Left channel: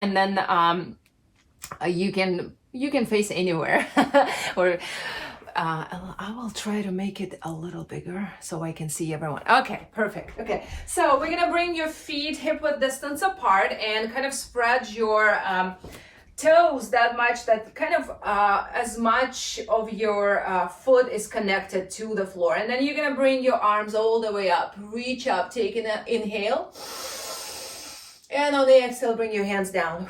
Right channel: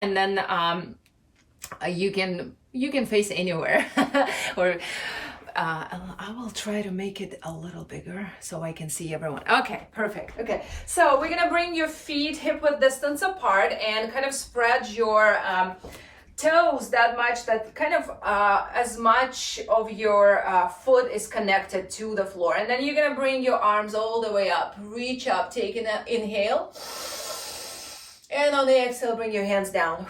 And then you can face anywhere. Or I will try to make it a little bigger so I can see everyone. Okay, perfect. Okay, so we're gonna bring your feet hip-width distance apart and kind of spread your toes that much, that kind of as much of your foot is connected to the floor. And then you're gonna bring your arms all the way up, reach up, take an inhale. And on the exhale, bring your hands down.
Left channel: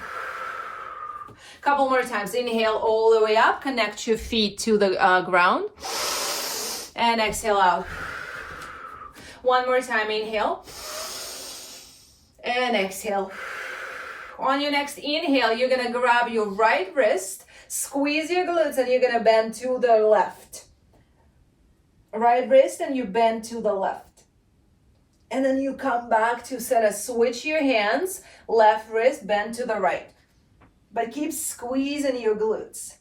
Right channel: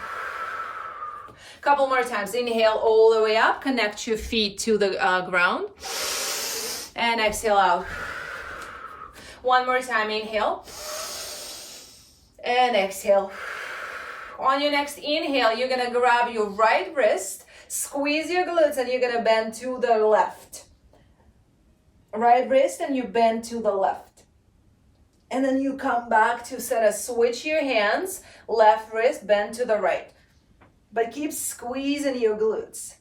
Couple more times. Inhale all the way up, connect your feet to the ground. And exhale out. One more time, inhale. And exhale. On your next inhale, you're gonna grab your right wrist, squeeze your glutes, and you're gonna bend to the left. Right wrist, and you bend to the left. And then you come back to center, switch your hands, left wrist, bend to the right. But keep squeezing your glutes.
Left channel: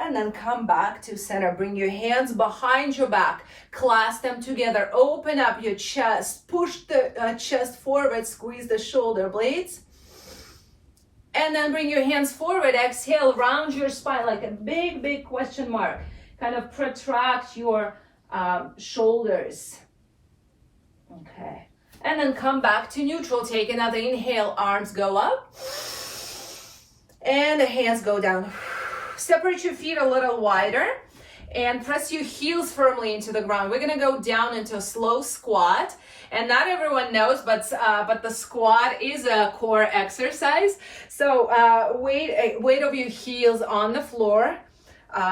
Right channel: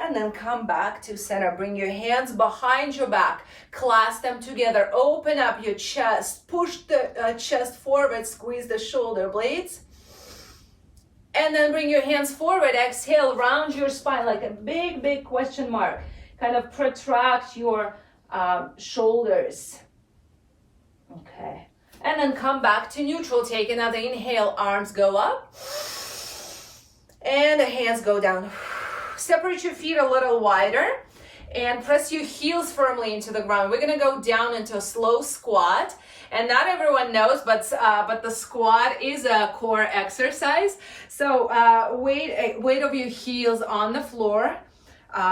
And then come back to center. Bring your hands behind your back, clasp them together, open up your chest, push the chest forward, squeeze the shoulder blades. And then bring your hands forward, exhale, round your spine like a big, big question mark. Kind of protract your shoulders. Okay, and then come back to neutral. Take another inhale, arms go up. And the hands go down. Separate your feet a little wider and press your heels firmly into the ground. We're gonna go down into a slow squat. And not everyone knows, but the squat is a core exercise. So weight of your heels on the floor.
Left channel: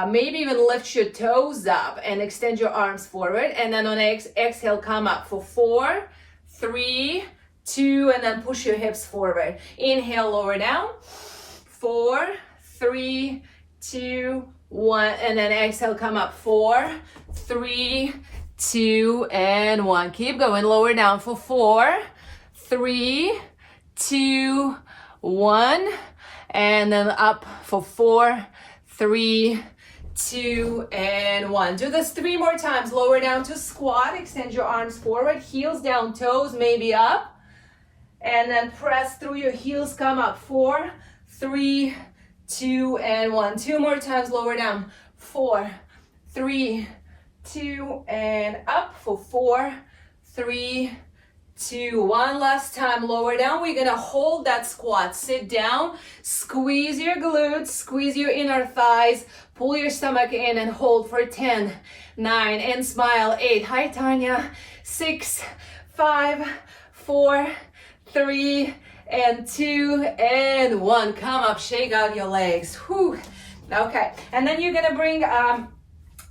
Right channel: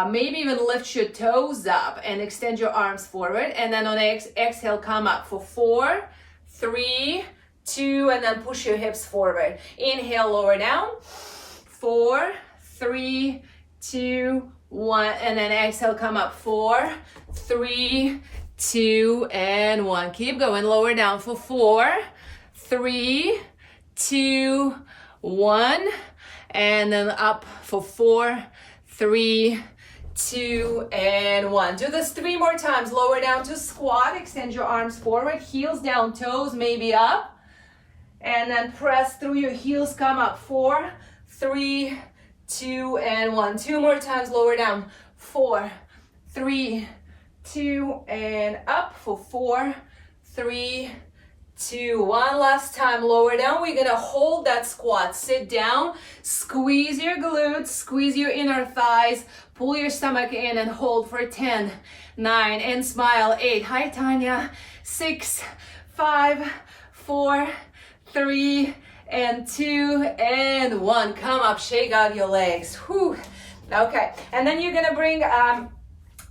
Maybe even lift your toes up and extend your arms forward. And then on exhale, come up for 4, 3, 2, and then push your hips forward. Inhale, lower down. 4, 3, 2, 1, and then exhale, come up. 4, 3, 2, and 1. Keep going, lower down for 4, 3, 2, 1, and then up for 4, 3, 2, and 1. Do this 3 more times. Lower down to squat, extend your arms forward, heels down, toes maybe up, and then press through your heels, come up. 4, 3, 2, and 1. 2 more times, lower down. 4, 3, 2, and up for 4, 3, 2. One last time, lower down. We're gonna hold that squat. Sit down, squeeze your glutes, squeeze your inner thighs, pull your stomach in and hold for 10, 9, and smile. 8. Hi, Tanya. 6, 5, 4, 3, and 2, and 1. Come up, shake out your legs. Whew. Okay, and then you're gonna bring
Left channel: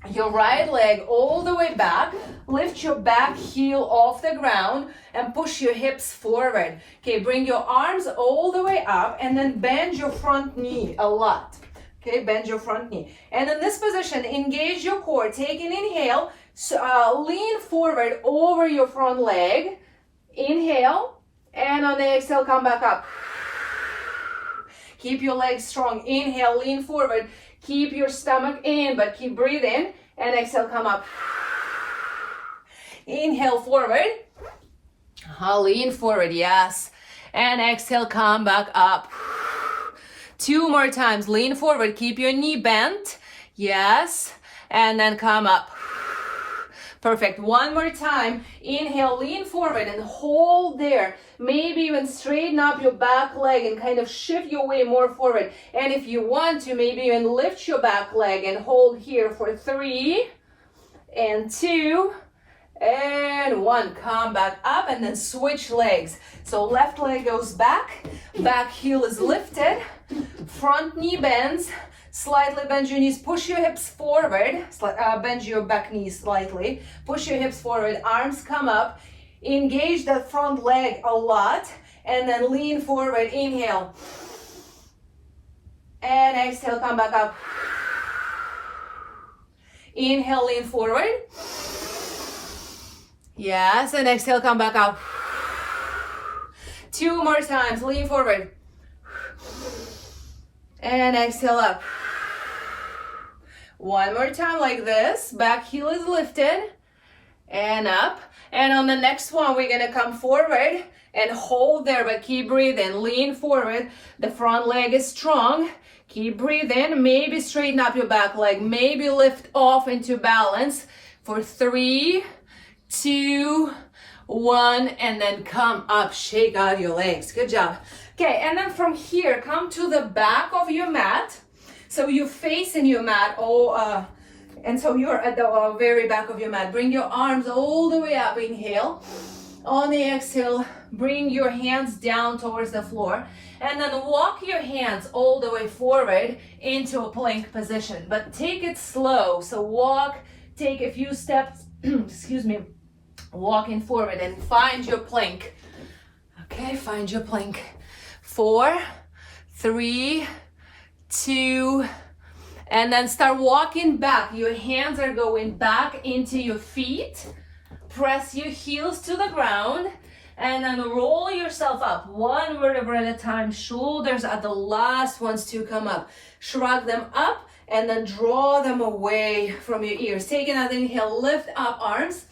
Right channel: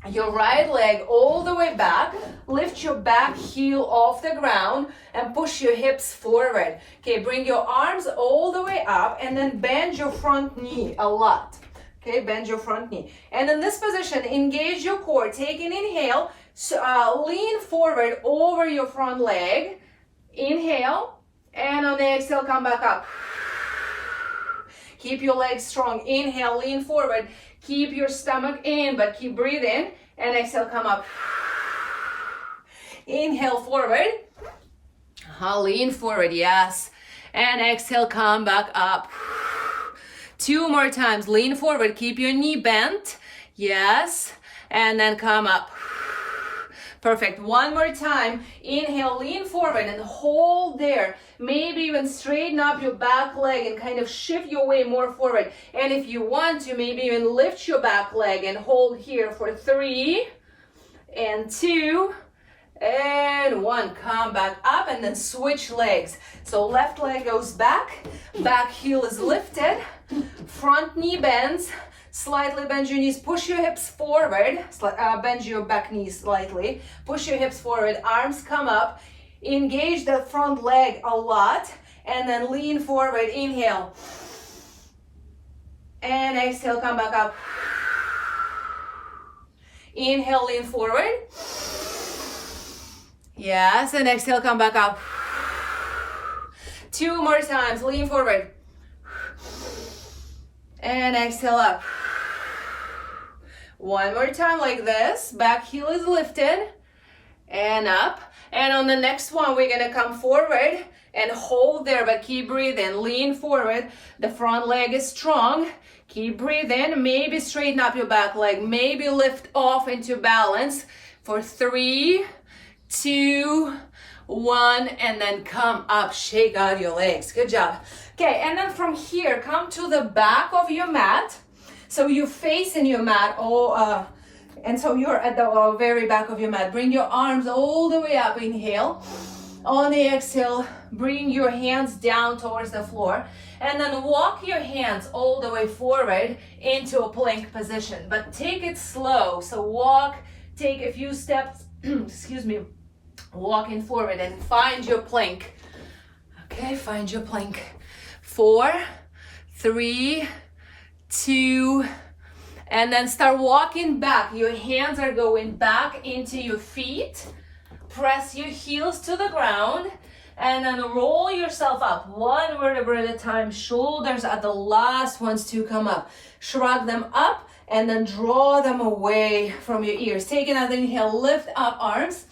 your right leg all the way back, lift your back heel off the ground and push your hips forward. Okay, bring your arms all the way up and then bend your front knee a lot. Okay, bend your front knee. And in this position, engage your core. Take an inhale, lean forward over your front leg. Inhale, and on the exhale, come back up. Keep your legs strong. Inhale, lean forward. Keep your stomach in, but keep breathing. And exhale, come up. Inhale, forward. Lean forward, yes. And exhale, come back up. 2 more times. Lean forward. Keep your knee bent. Yes. And then come up. Perfect. 1 more time. Inhale, lean forward and hold there. Maybe even straighten up your back leg and kind of shift your way more forward. And if you want to, maybe even lift your back leg and hold here for 3 and 2 and 1. Come back up and then switch legs. So left leg goes back, back heel is lifted, front knee bends. Slightly bend your knees, push your hips forward, bend your back knees slightly, push your hips forward, arms come up, engage that front leg a lot, and then lean forward, inhale. And exhale, come back up. Inhale, lean forward. Yes, and exhale, come back up. 2 more times, lean forward. And exhale up. 1 more time like this. Back heel is lifted. and up. And on the next one, we're gonna come forward and hold there, but keep breathing. Lean forward. The front leg is strong. Keep breathing. Maybe straighten up your back leg. Maybe lift off into balance for 3, 2, 1, and then come up. Shake out your legs. Good job. Okay, and then from here, come to the back of your mat. So you're facing your mat, and so you're at the very back of your mat. Bring your arms all the way up. Inhale. On the exhale, bring your hands down towards the floor. And then walk your hands all the way forward into a plank position. But take it slow. So walk, take a few steps, excuse me, walking forward and find your plank. Okay, find your plank. 4, 3, 2, and then start walking back. Your hands are going back into your feet. Press your heels to the ground and then roll yourself up. 1 vertebra at a time. Shoulders are the last ones to come up. Shrug them up and then draw them away from your ears. Take another inhale, lift up arms.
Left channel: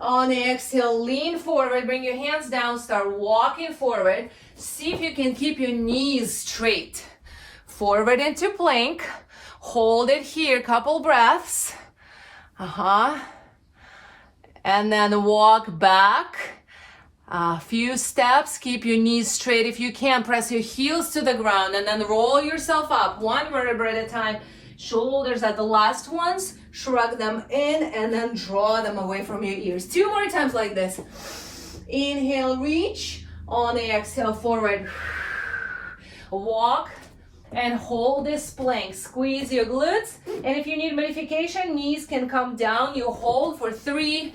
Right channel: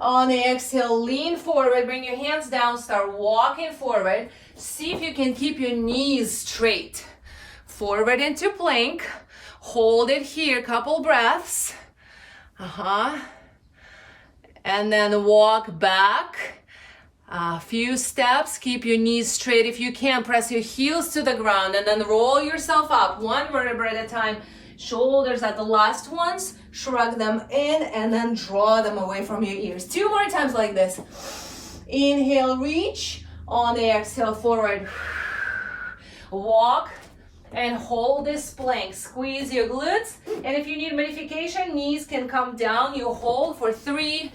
On the exhale, lean forward, bring your hands down, start walking forward. See if you can keep your knees straight. Forward into plank. Hold it here, couple breaths. And then walk back. A few steps, keep your knees straight. If you can, press your heels to the ground and then roll yourself up 1 vertebra at a time. Shoulders are the last ones. Shrug them in and then draw them away from your ears. 2 more times like this. Inhale, reach. On the exhale, forward. Walk and hold this plank. Squeeze your glutes. And if you need modification, knees can come down. You hold for 3,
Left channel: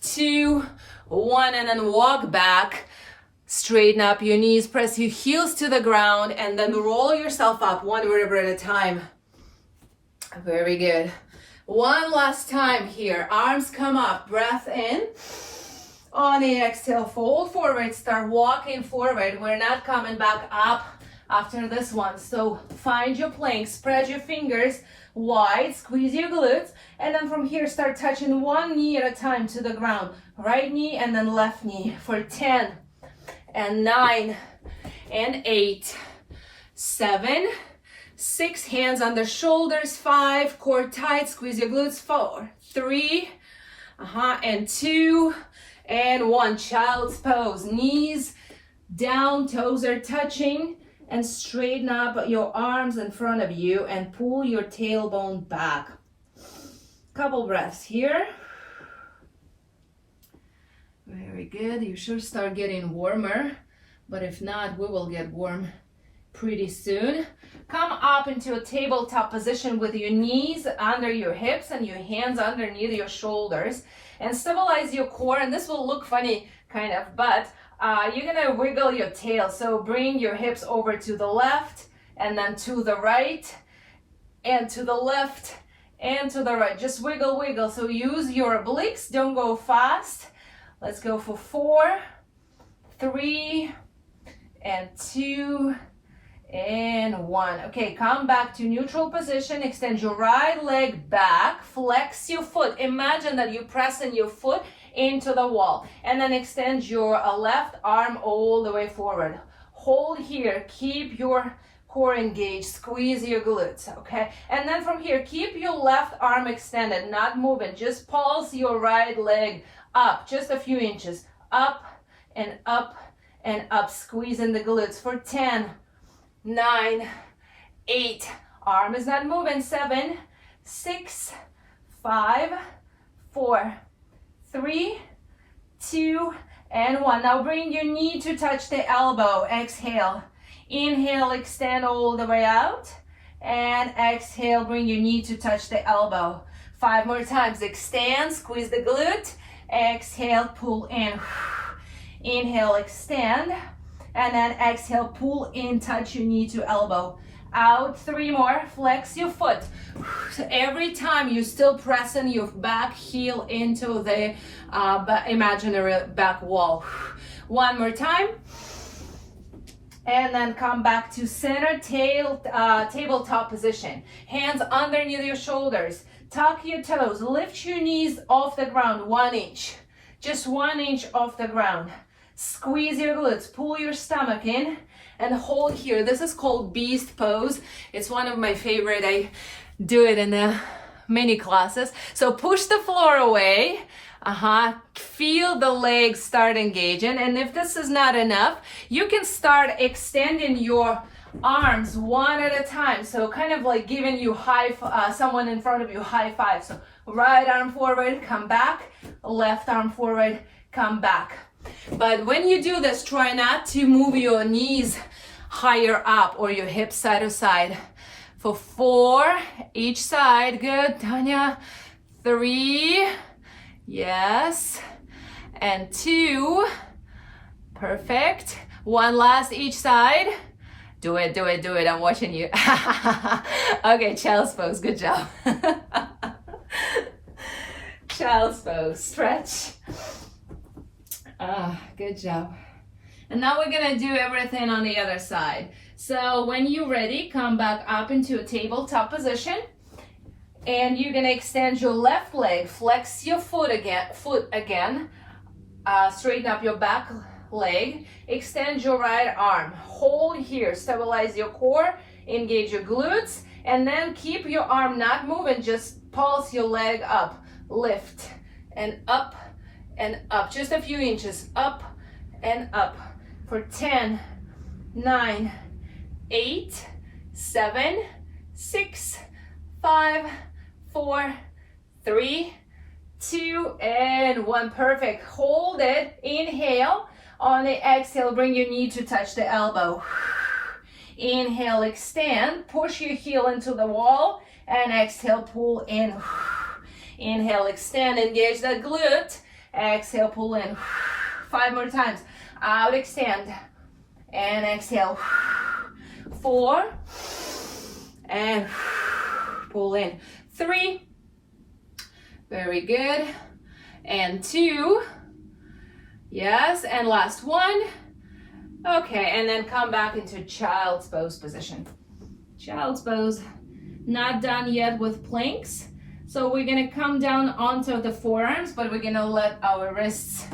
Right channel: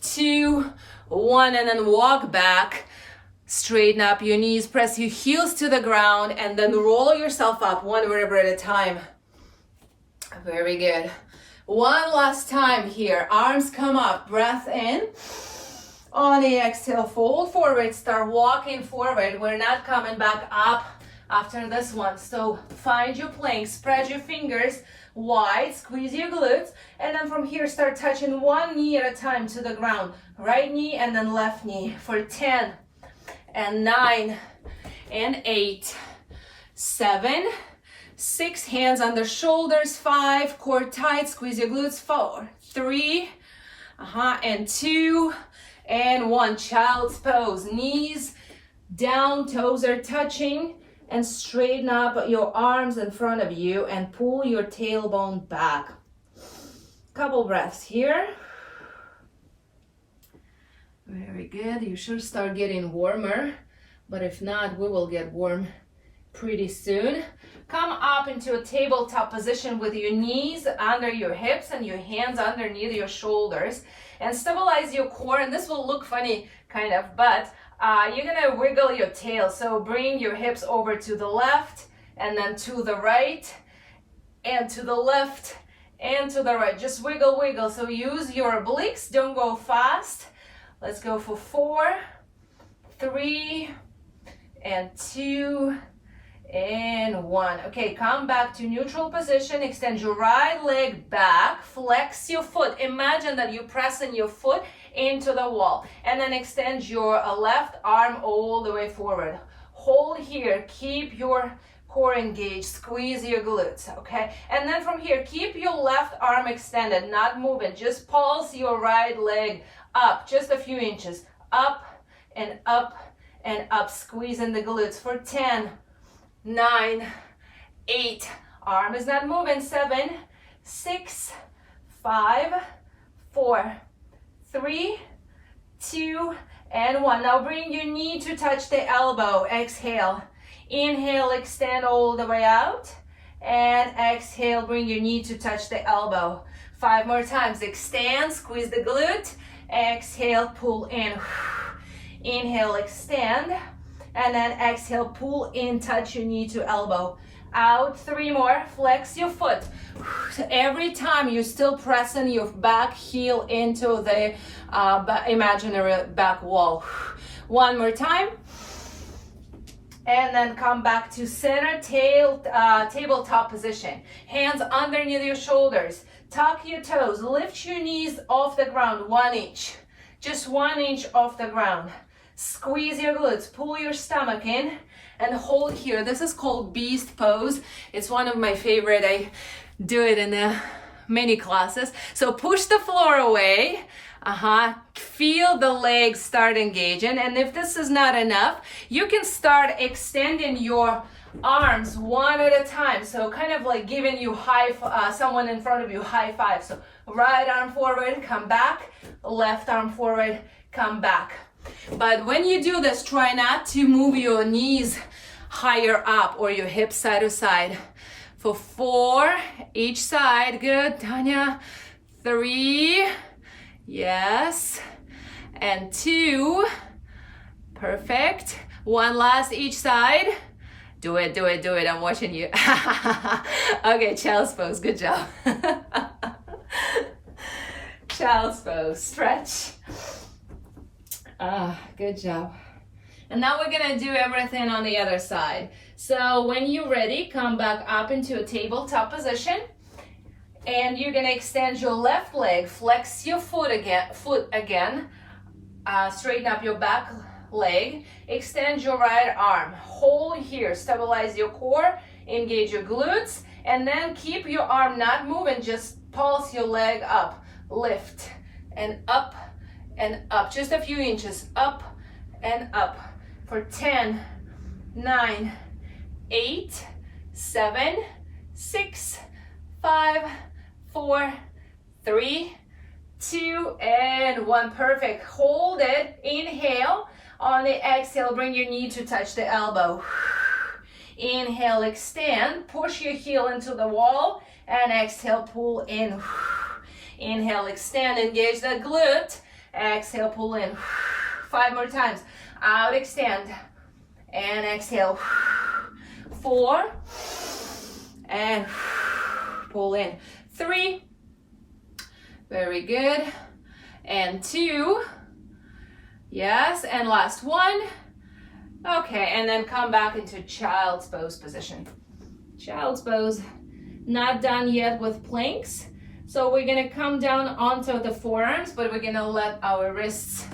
2, 1, and then walk back. Straighten up your knees. Press your heels to the ground and then roll yourself up 1 vertebra at a time. Very good. One last time here. Arms come up. Breath in. On the exhale, fold forward. Start walking forward. We're not coming back up after this one. So find your plank. Spread your fingers wide. Squeeze your glutes. And then from here, start touching 1 knee at a time to the ground. Right knee and then left knee for 10 and 9 and 8, 7, 6, hands on the shoulders, 5, core tight, squeeze your glutes, 4, 3, and 2, and 1. Child's pose, knees down, toes are touching, and straighten up your arms in front of you and pull your tailbone back. Couple breaths here. Very good. You should start getting warmer, but if not, we will get warm pretty soon. Come up into a tabletop position with your knees under your hips and your hands underneath your shoulders, and stabilize your core. And this will look funny kind of, but you're gonna wiggle your tail. So bring your hips over to the left and then to the right and to the left and to the right. Just wiggle, wiggle. So use your obliques, don't go fast. Let's go for 4, 3, and 2, and 1. Okay, come back to neutral position. Extend your right leg back. Flex your foot. Imagine that you're pressing your foot into the wall. And then extend your left arm all the way forward. Hold here. Keep your core engaged. Squeeze your glutes, okay? And then from here, keep your left arm extended, not moving. Just pulse your right leg up just a few inches. Up and up and up. Squeezing the glutes for 10, 9, 8. Arm is not moving. 7, 6, 5, 4, 3, 2, and 1. Now bring your knee to touch the elbow. Exhale. Inhale, extend all the way out. And exhale, bring your knee to touch the elbow. 5 more times. Extend, squeeze the glute. Exhale, pull in. Inhale, extend. And then exhale, pull in, touch your knee to elbow. Out, 3 more. Flex your foot. Every time you're still pressing your back heel into the imaginary back wall. 1 more time. And then come back to center tabletop position. Hands underneath your shoulders. Tuck your toes. Lift your knees off the ground 1 inch. Just 1 inch off the ground. Squeeze your glutes. Pull your stomach in and hold here. This is called beast pose. It's one of my favorite. I do it in the mini classes. So push the floor away. Feel the legs start engaging. And if this is not enough, you can start extending your arms one at a time. So kind of like giving you someone in front of you high five. So right arm forward, come back. Left arm forward, come back. But when you do this, try not to move your knees higher up or your hips side to side. For 4, each side. Good, Tanya. 3. Yes. And 2. Perfect. 1 last each side. Do it, do it, do it. I'm watching you. Okay, child's pose. Good job. Child's pose. Stretch. Good job. And now we're gonna do everything on the other side. So when you're ready, come back up into a tabletop position. And you're gonna extend your left leg, flex your foot again, straighten up your back leg, extend your right arm, hold here, stabilize your core, engage your glutes, and then keep your arm not moving, just pulse your leg up, lift, and up, just a few inches, up and up, for 10, 9, 8, 7, 6, 5, 4, 3, 2, and 1. Perfect. Hold it. Inhale. On the exhale, bring your knee to touch the elbow. Inhale, extend. Push your heel into the wall. And exhale, pull in. Inhale, extend. Engage the glute. Exhale, pull in. 5 more times. Out, extend. And exhale. 4. And pull in. 3. Very good. And 2. Yes, and last 1. Okay, and then come back into child's pose position. Child's pose. Not done yet with planks. So we're gonna come down onto the forearms, but we're gonna let our wrists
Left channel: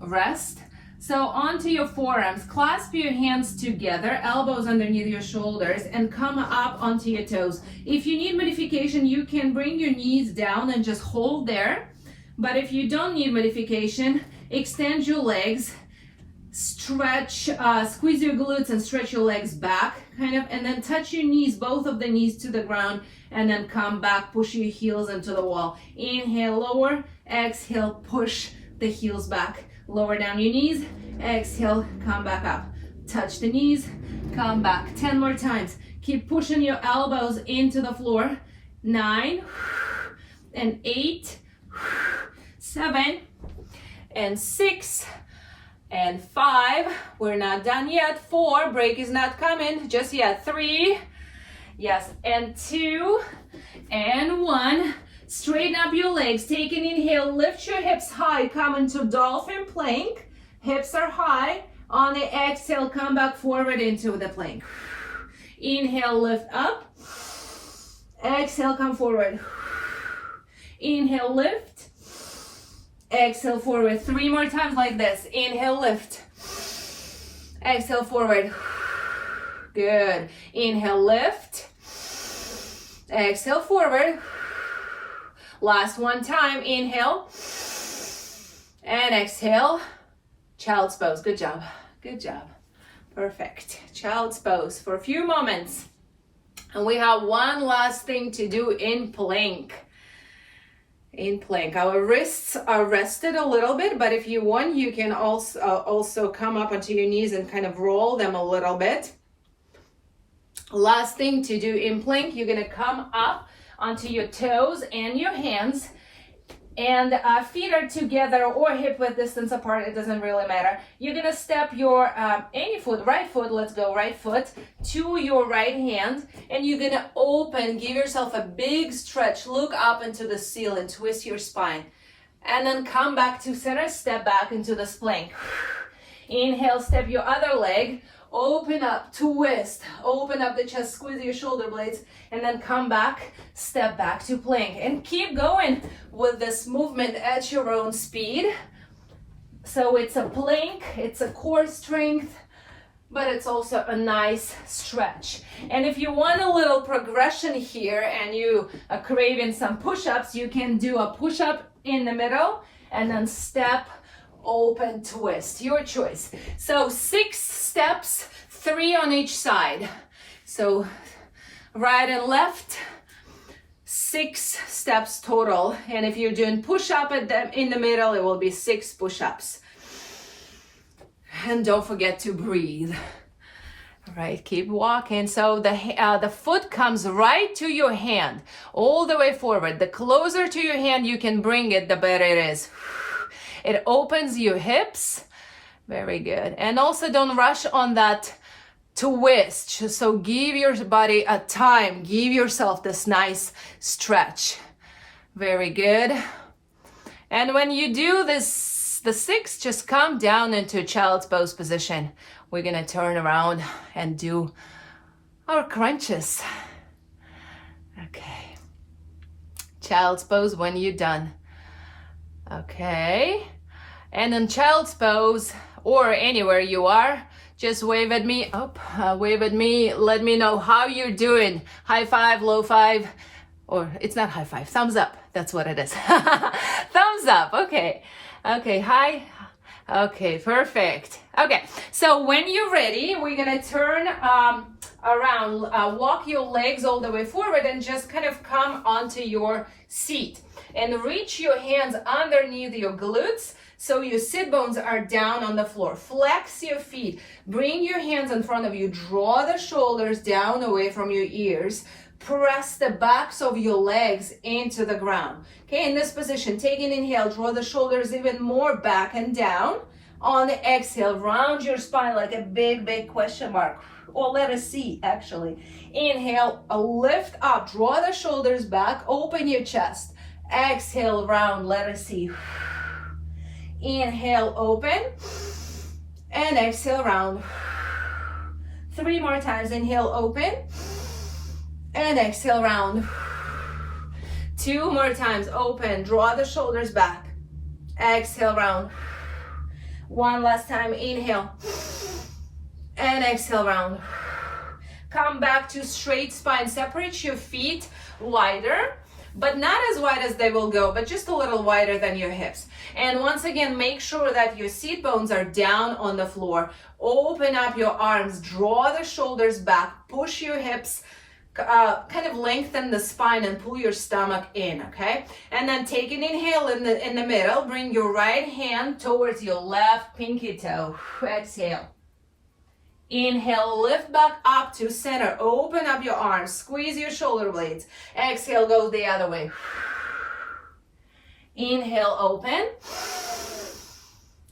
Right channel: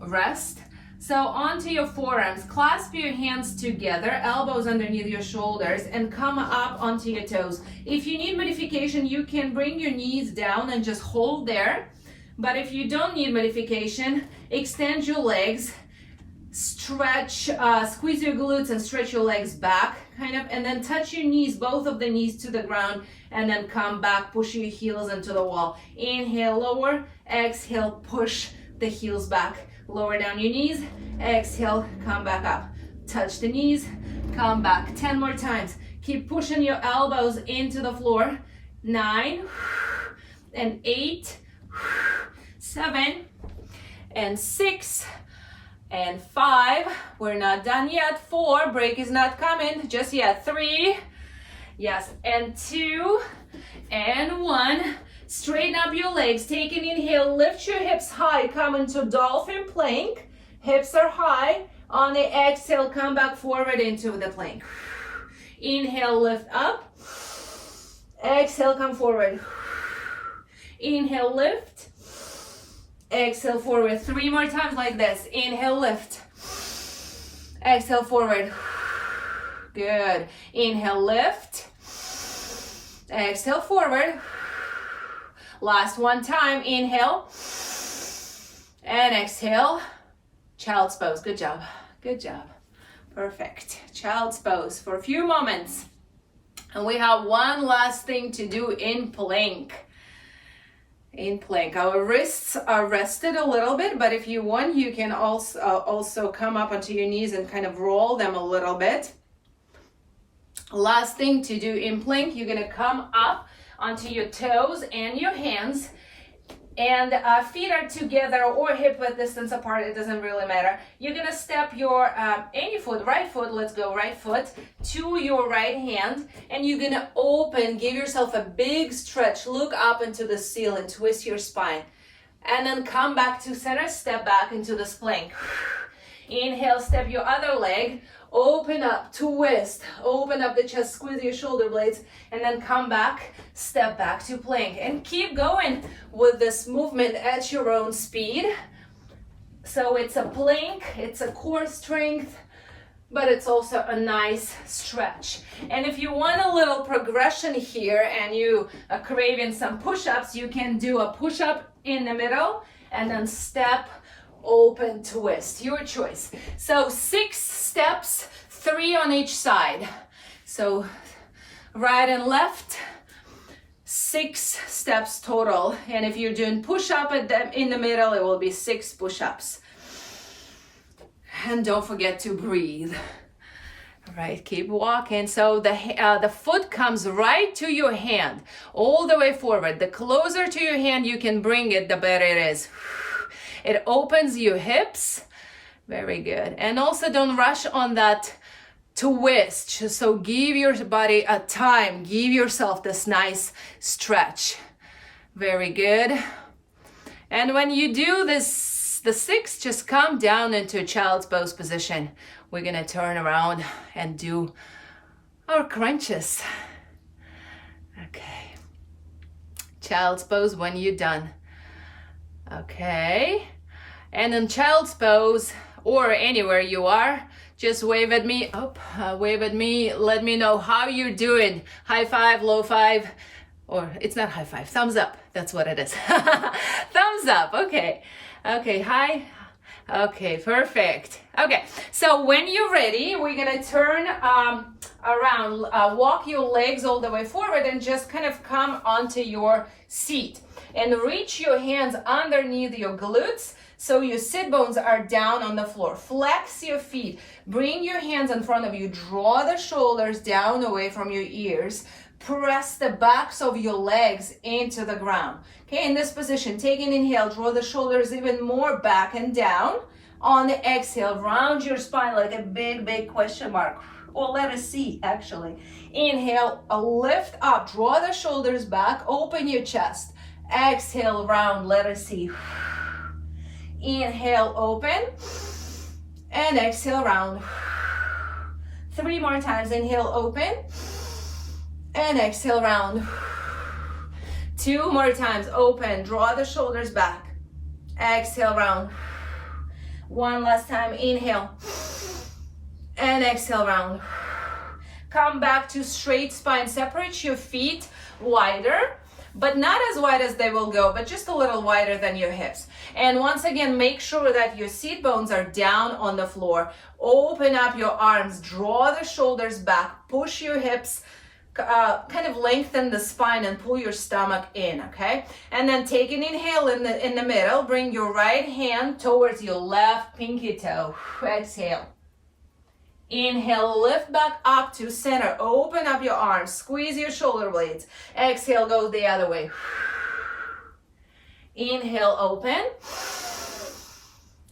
rest. So onto your forearms, clasp your hands together, elbows underneath your shoulders, and come up onto your toes. If you need modification, you can bring your knees down and just hold there. But if you don't need modification, extend your legs, stretch, squeeze your glutes and stretch your legs back, kind of, and then touch your knees, both of the knees to the ground, and then come back, push your heels into the wall. Inhale, lower, exhale, push the heels back. Lower down your knees, exhale, come back up. Touch the knees, come back. 10 more times. Keep pushing your elbows into the floor. 9, and 8, 7, and 6, and 5. We're not done yet. 4, break is not coming just yet. 3, yes, and 2, and 1. Straighten up your legs. Take an inhale, lift your hips high, come into Dolphin Plank. Hips are high. On the exhale, come back forward into the plank. Inhale, lift up. Exhale, come forward. Inhale, lift. Exhale, forward. 3 more times like this. Inhale, lift. Exhale, forward. Good. Inhale, lift. Exhale, forward. Last 1 time. Inhale. And exhale. Child's pose. Good job. Good job. Perfect. Child's pose for a few moments. And we have one last thing to do in plank. In plank, our wrists are rested a little bit, but if you want, you can also come up onto your knees and kind of roll them a little bit. Last thing to do in plank, you're gonna come up onto your toes and your hands, and feet are together or hip width distance apart, it doesn't really matter. You're gonna step your any foot, right foot, let's go, right foot to your right hand, and you're gonna open, give yourself a big stretch, look up into the ceiling, twist your spine, and then come back to center, step back into this plank. Inhale, step your other leg, open up, twist, open up the chest, squeeze your shoulder blades, and then come back, step back to plank. And keep going with this movement at your own speed. So it's a plank, it's a core strength, but it's also a nice stretch. And if you want a little progression here and you are craving some push-ups, you can do a push-up in the middle and then step, open, twist, your choice. So 6 steps, 3 on each side. So right and left, 6 steps total. And if you're doing push-up in the middle, it will be 6 push-ups. And don't forget to breathe. All right, keep walking. So the foot comes right to your hand, all the way forward. The closer to your hand you can bring it, the better it is. It opens your hips. Very good. And also don't rush on that twist. So give your body a time. Give yourself this nice stretch. Very good. And when you do this, the 6, just come down into child's pose position. We're gonna turn around and do our crunches. Okay. Child's pose when you're done. Okay. And in child's pose, or anywhere you are, just wave at me, wave at me, let me know how you're doing. High five, low five, or it's not high five, thumbs up, that's what it is. Thumbs up, okay. Okay, hi, okay, perfect. Okay, so when you're ready, we're gonna turn around, walk your legs all the way forward and just kind of come onto your seat. And reach your hands underneath your glutes so your sit bones are down on the floor. Flex your feet. Bring your hands in front of you. Draw the shoulders down away from your ears. Press the backs of your legs into the ground. Okay, in this position, take an inhale. Draw the shoulders even more back and down. On the exhale, round your spine like a big, big question mark. Or letter C, actually. Inhale, lift up. Draw the shoulders back. Open your chest. Exhale, round, letter C. Inhale, open. And exhale, round. 3 more times. Inhale, open. And exhale, round. 2 more times. Open. Draw the shoulders back. Exhale, round. 1 last time. Inhale. And exhale, round. Come back to straight spine. Separate your feet wider, but not as wide as they will go, but just a little wider than your hips. And once again, make sure that your seat bones are down on the floor. Open up your arms, draw the shoulders back, push your hips, kind of lengthen the spine and pull your stomach in, okay? And then take an inhale in the middle, bring your right hand towards your left pinky toe. Exhale. Inhale, lift back up to center. Open up your arms, squeeze your shoulder blades. Exhale, go the other way. Inhale, open.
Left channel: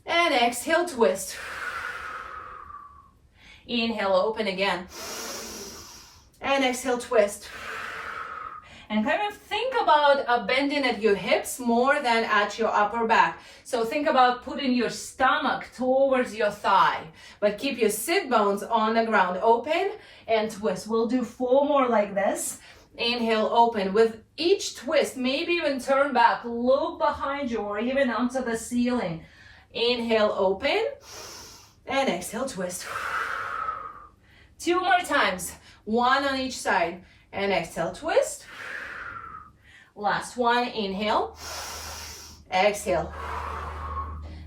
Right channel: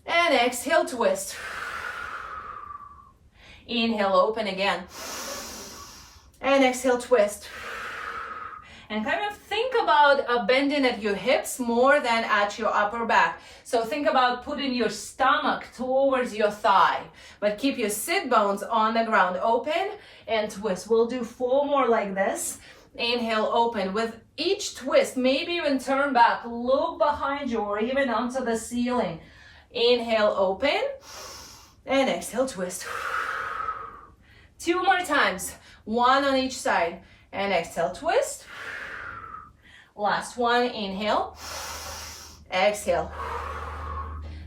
And exhale, twist. Inhale, open again. And exhale, twist. And kind of think about bending at your hips more than at your upper back. So think about putting your stomach towards your thigh, but keep your sit bones on the ground. Open and twist. We'll do 4 more like this. Inhale, open. With each twist, maybe even turn back, look behind you or even onto the ceiling. Inhale, open. And exhale, twist. 2 more times. 1 on each side. And exhale, twist. Last one, inhale, exhale.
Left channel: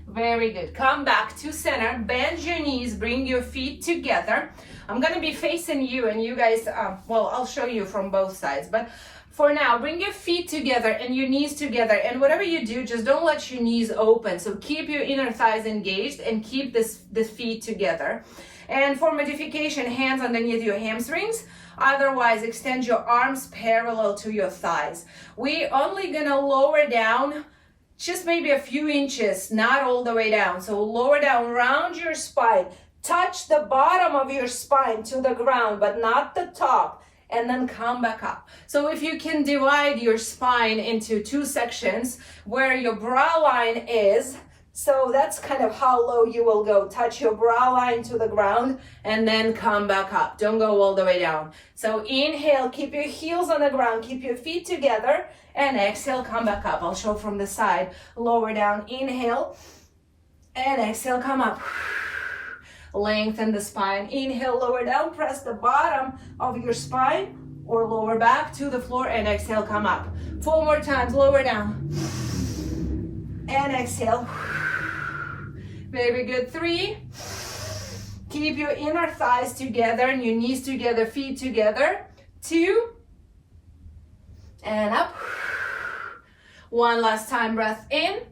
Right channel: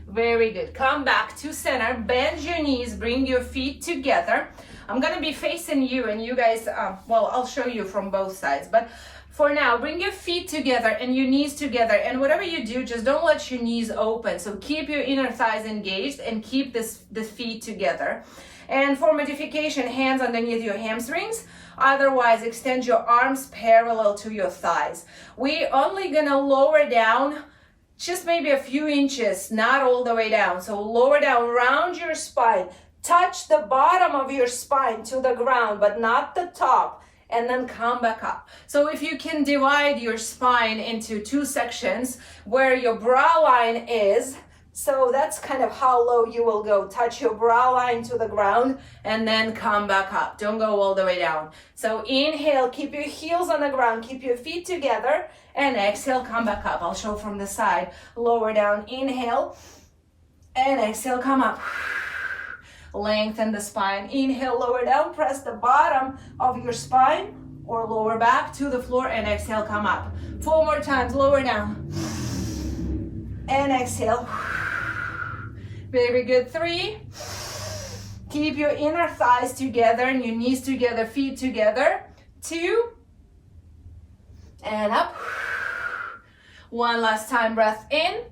Very good. Come back to center, bend your knees, bring your feet together. I'm gonna be facing you and you guys, well, I'll show you from both sides, but for now, bring your feet together and your knees together, and whatever you do, just don't let your knees open. So keep your inner thighs engaged and keep the feet together. And for modification, hands underneath your hamstrings. Otherwise, extend your arms parallel to your thighs. We're only gonna lower down just maybe a few inches, not all the way down. So lower down, round your spine. Touch the bottom of your spine to the ground, but not the top. And then come back up. So if you can divide your spine into 2 sections where your brow line is, So that's kind of how low you will go. Touch your brow line to the ground and then come back up. Don't go all the way down. So inhale, keep your heels on the ground, keep your feet together, and exhale, come back up. I'll show from the side. Lower down, inhale, and exhale, come up. Lengthen the spine. Inhale, lower down, press the bottom of your spine or lower back to the floor, and exhale, come up. 4 more times, lower down. And exhale. Very good. 3. Keep your inner thighs together and your knees together, feet together. 2. And up. 1 last time, breath in.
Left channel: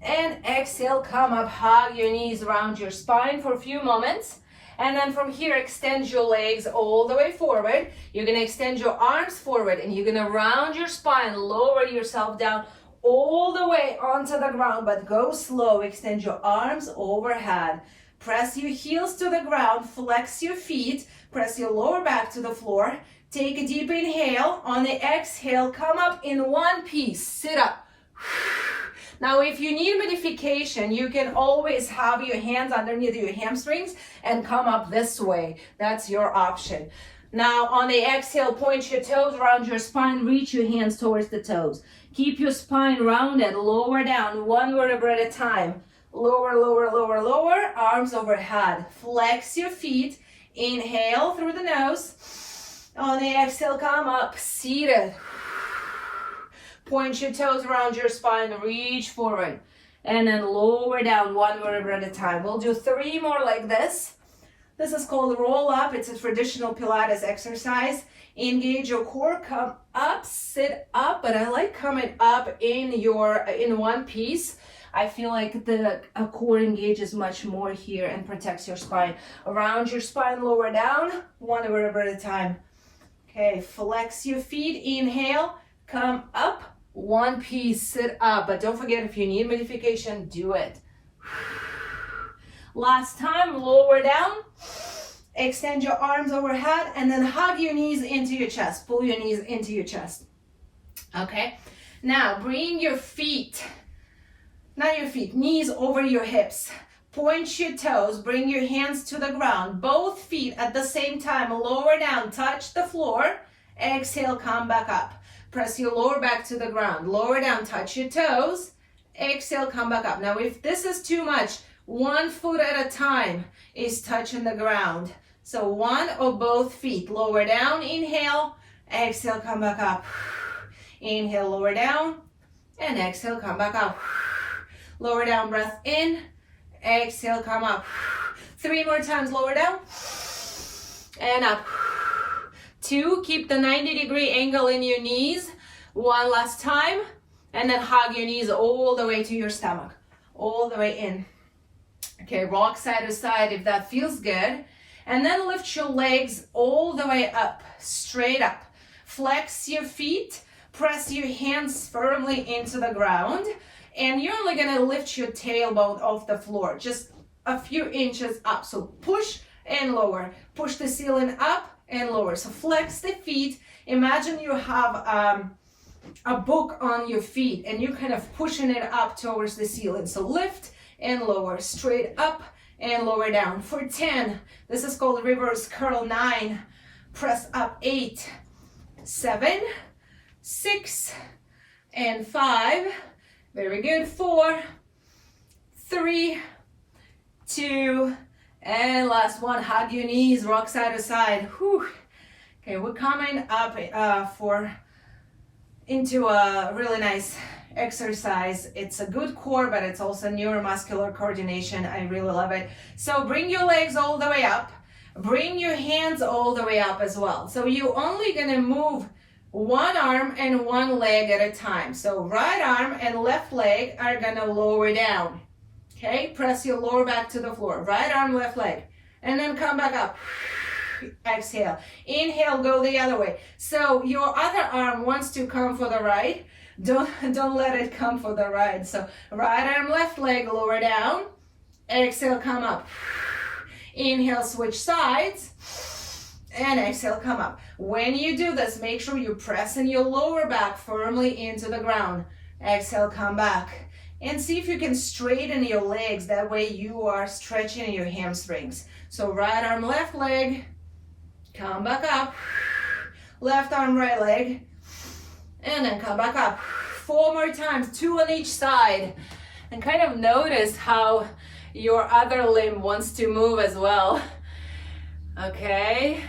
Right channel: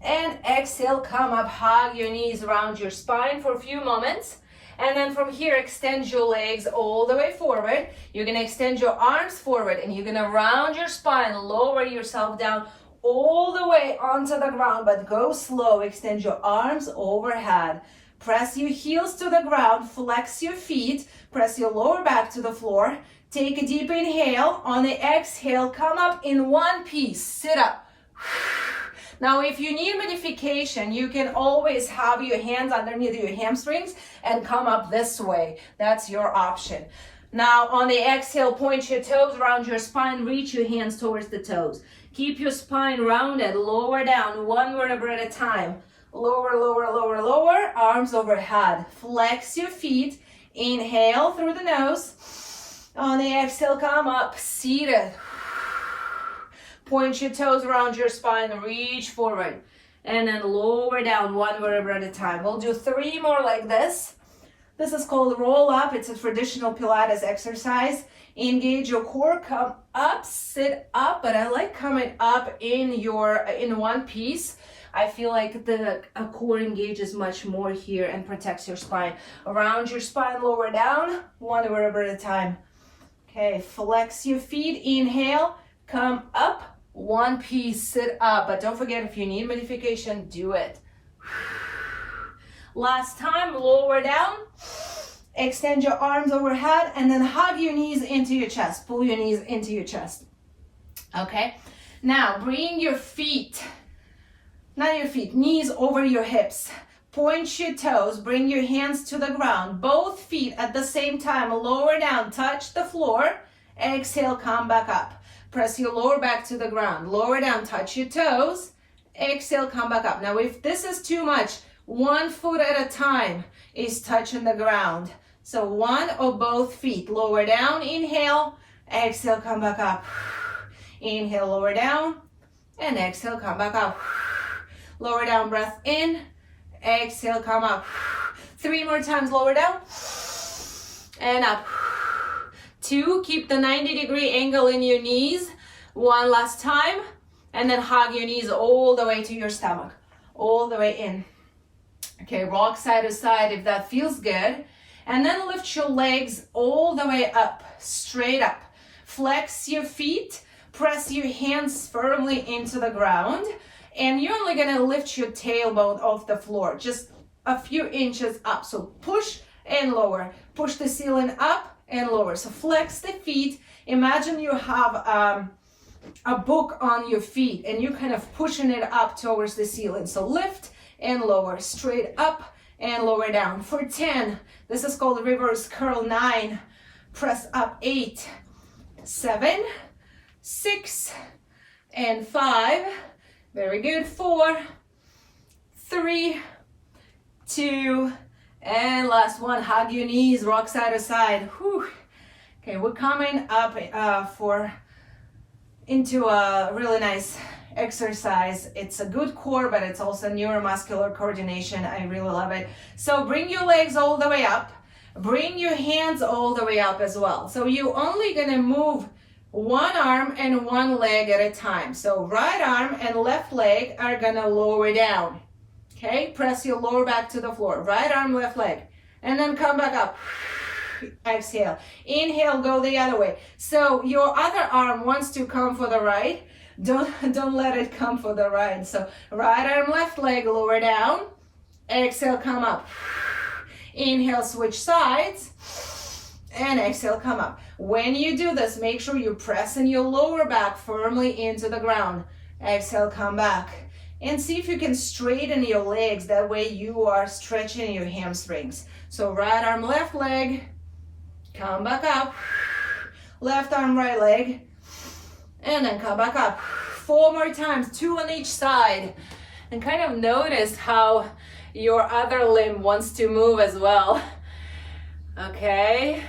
And exhale, come up, hug your knees around your spine for a few moments. And then from here, extend your legs all the way forward. You're gonna extend your arms forward and you're gonna round your spine, lower yourself down all the way onto the ground, but go slow. Extend your arms overhead. Press your heels to the ground, flex your feet, press your lower back to the floor. Take a deep inhale. On the exhale, come up in one piece, sit up. Now, if you need modification, you can always have your hands underneath your hamstrings and come up this way. That's your option. Now, on the exhale, point your toes around your spine, reach your hands towards the toes. Keep your spine rounded, lower down, 1 vertebra at a time. Lower, lower, lower, lower, arms overhead. Flex your feet, inhale through the nose. On the exhale, come up, seated. Point your toes around your spine, reach forward. And then lower down, 1 vertebra at a time. We'll do 3 more like this. This is called roll up. It's a traditional Pilates exercise. Engage your core, come up, sit up, but I like coming up in one piece. I feel like the core engages much more here and protects your spine. Around your spine, lower down, 1 vertebra at a time. Okay, flex your feet, inhale, come up, 1 piece, sit up, but don't forget if you need modification, do it. Last time, lower down. Extend your arms overhead and then hug your knees into your chest. Pull your knees into your chest. Okay, now bring your feet, not your feet, knees over your hips. Point your toes, bring your hands to the ground. Both feet at the same time, lower down, touch the floor. Exhale, come back up. Press your lower back to the ground. Lower down, touch your toes. Exhale, come back up. Now, if this is too much, 1 foot at a time is touching the ground. So 1 or both feet. Lower down, inhale, exhale, come back up. Inhale, lower down, and exhale, come back up. Lower down, breath in, exhale, come up. 3 more times, lower down, and up. 2, keep the 90-degree angle in your knees. 1 last time, and then hug your knees all the way to your stomach, all the way in. Okay, rock side to side if that feels good. And then lift your legs all the way up, straight up. Flex your feet, press your hands firmly into the ground, and you're only gonna lift your tailbone off the floor, just a few inches up. So push and lower, push the ceiling up and lower. So flex the feet. Imagine you have a book on your feet and you're kind of pushing it up towards the ceiling. So lift and lower, straight up and lower down. For 10, this is called reverse curl. 9, press up. 8, 7, 6, and 5. Very good. 4, 3, 2, and last one. Hug your knees, rock side to side. Whew. Okay, we're coming up into a really nice exercise. It's a good core, but it's also neuromuscular coordination. I really love it. So bring your legs all the way up. Bring your hands all the way up as well. So you're only gonna move 1 arm and 1 leg at a time. So right arm and left leg are gonna lower down. Okay, press your lower back to the floor. Right arm, left leg, and then come back up. Exhale. Inhale, go the other way. So your other arm wants to come for the right. Don't let it come for the right. So right arm, left leg, lower down. Exhale, come up. Inhale, switch sides. And exhale, come up. When you do this, make sure you're pressing your lower back firmly into the ground. Exhale, come back. And see if you can straighten your legs. That way you are stretching your hamstrings. So right arm, left leg, come back up. Left arm, right leg, and then come back up. 4 more times, 2 on each side. And kind of notice how your other limb wants to move as well. Okay.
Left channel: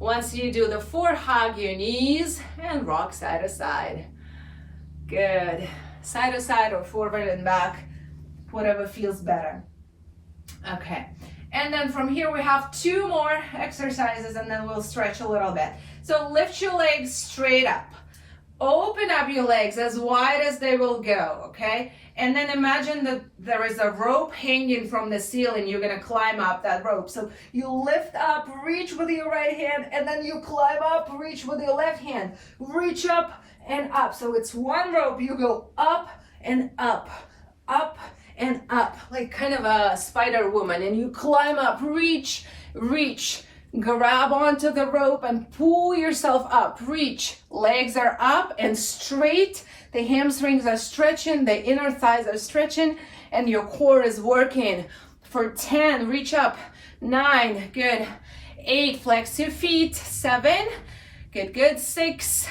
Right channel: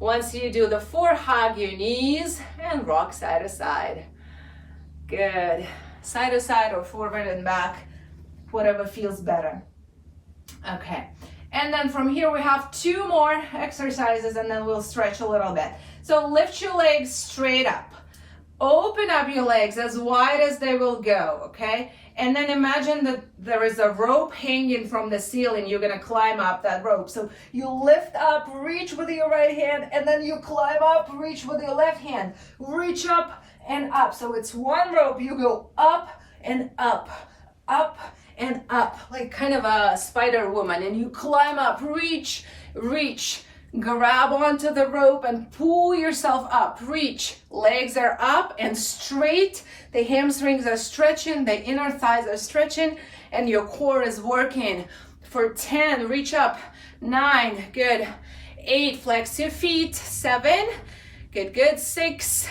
Once you do the 4, hug your knees and rock side to side. Good. Side to side or forward and back, whatever feels better. Okay. And then from here we have 2 more exercises and then we'll stretch a little bit. So lift your legs straight up. Open up your legs as wide as they will go, okay? And then imagine that there is a rope hanging from the ceiling. You're gonna climb up that rope. So you lift up, reach with your right hand, and then you climb up, reach with your left hand. Reach up and up. So it's one rope, you go up and up, up and up, like kind of a spider woman. And you climb up, reach, reach, grab onto the rope and pull yourself up, reach. Legs are up and straight. The hamstrings are stretching, the inner thighs are stretching, and your core is working. For 10, reach up. 9, good. 8, flex your feet. 7, good, good. 6,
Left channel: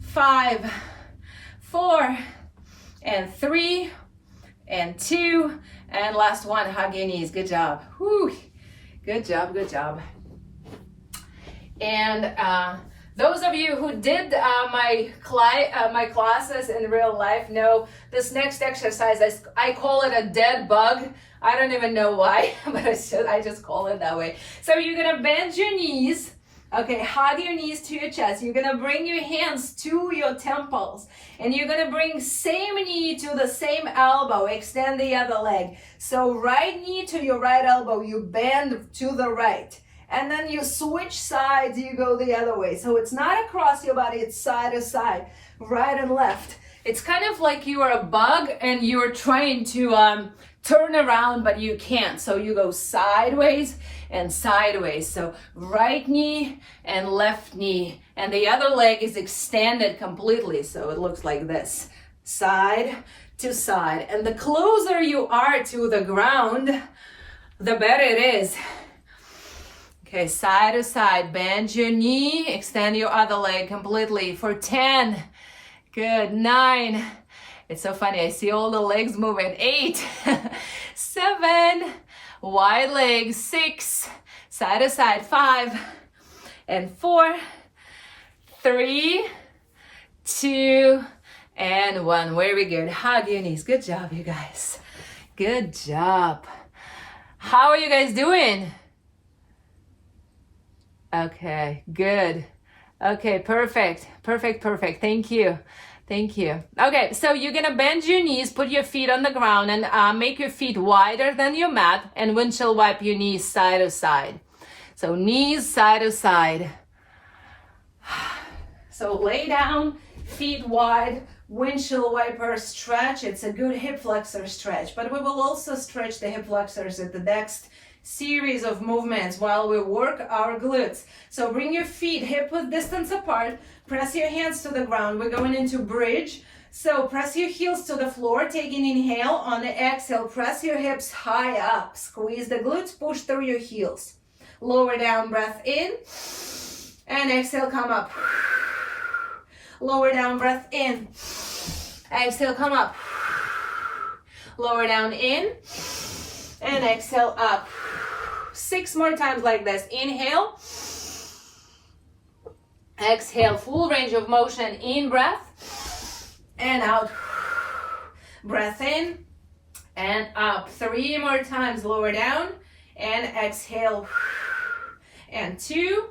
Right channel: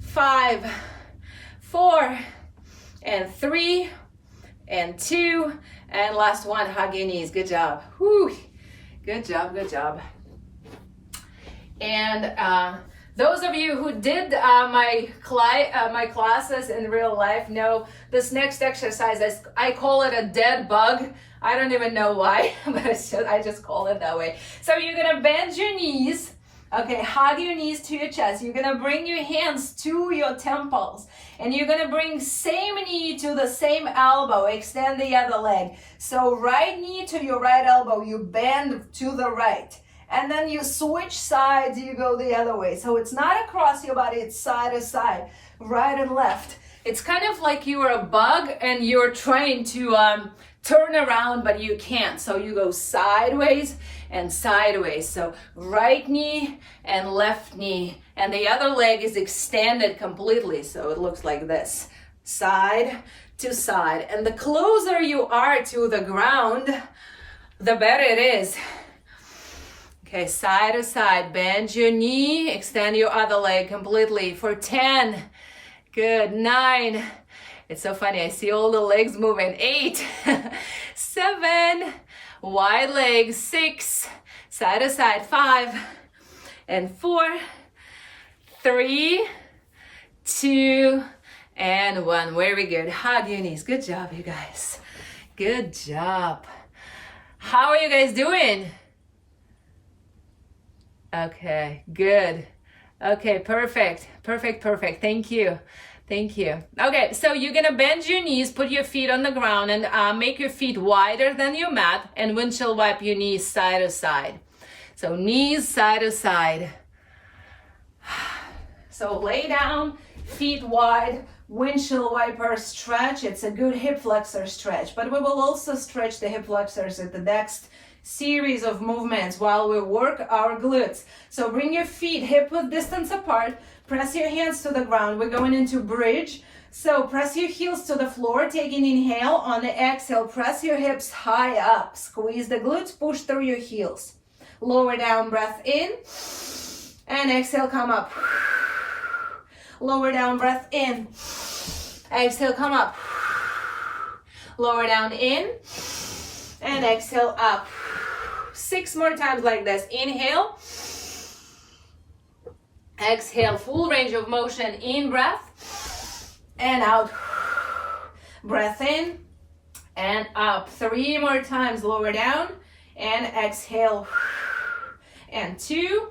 5, 4, and 3, and 2, and last one, hug your knees. Good job. Whew. Good job, good job. And those of you who did my classes in real life know this next exercise, I call it a dead bug. I don't even know why, but I just call it that way. So you're gonna bend your knees, okay, hug your knees to your chest. You're gonna bring your hands to your temples, and you're gonna bring same knee to the same elbow, extend the other leg. So right knee to your right elbow, you bend to the right. And then you switch sides, you go the other way. So it's not across your body, it's side to side, right and left. It's kind of like you are a bug and you're trying to turn around, but you can't. So you go sideways and sideways. So right knee and left knee. And the other leg is extended completely. So it looks like this, side to side. And the closer you are to the ground, the better it is. Okay, side to side, bend your knee, extend your other leg completely for 10. Good, 9. It's so funny, I see all the legs moving. 8, 7, wide legs. 6, side to side. 5, and 4, 3, 2, and 1. Very good. Hug your knees. Good job, you guys. Good job. How are you guys doing? Okay, good. Okay, perfect. Thank you. Okay, so you're gonna bend your knees, put your feet on the ground, and make your feet wider than your mat, and windshield wipe your knees side to side. So knees side to side. So lay down, feet wide, windshield wiper stretch. It's a good hip flexor stretch, but we will also stretch the hip flexors at the next series of movements while we work our glutes. So bring your feet hip width distance apart, press your hands to the ground. We're going into bridge. So press your heels to the floor, taking inhale. On the exhale, press your hips high up, squeeze the glutes, push through your heels. Lower down, breath in, and exhale, come up. Lower down, breath in, exhale, come up. Lower down, in, and exhale, up. 6 more times like this. Inhale, exhale, full range of motion. In breath and out. Breath in and up. 3 more times. Lower down and exhale. And 2.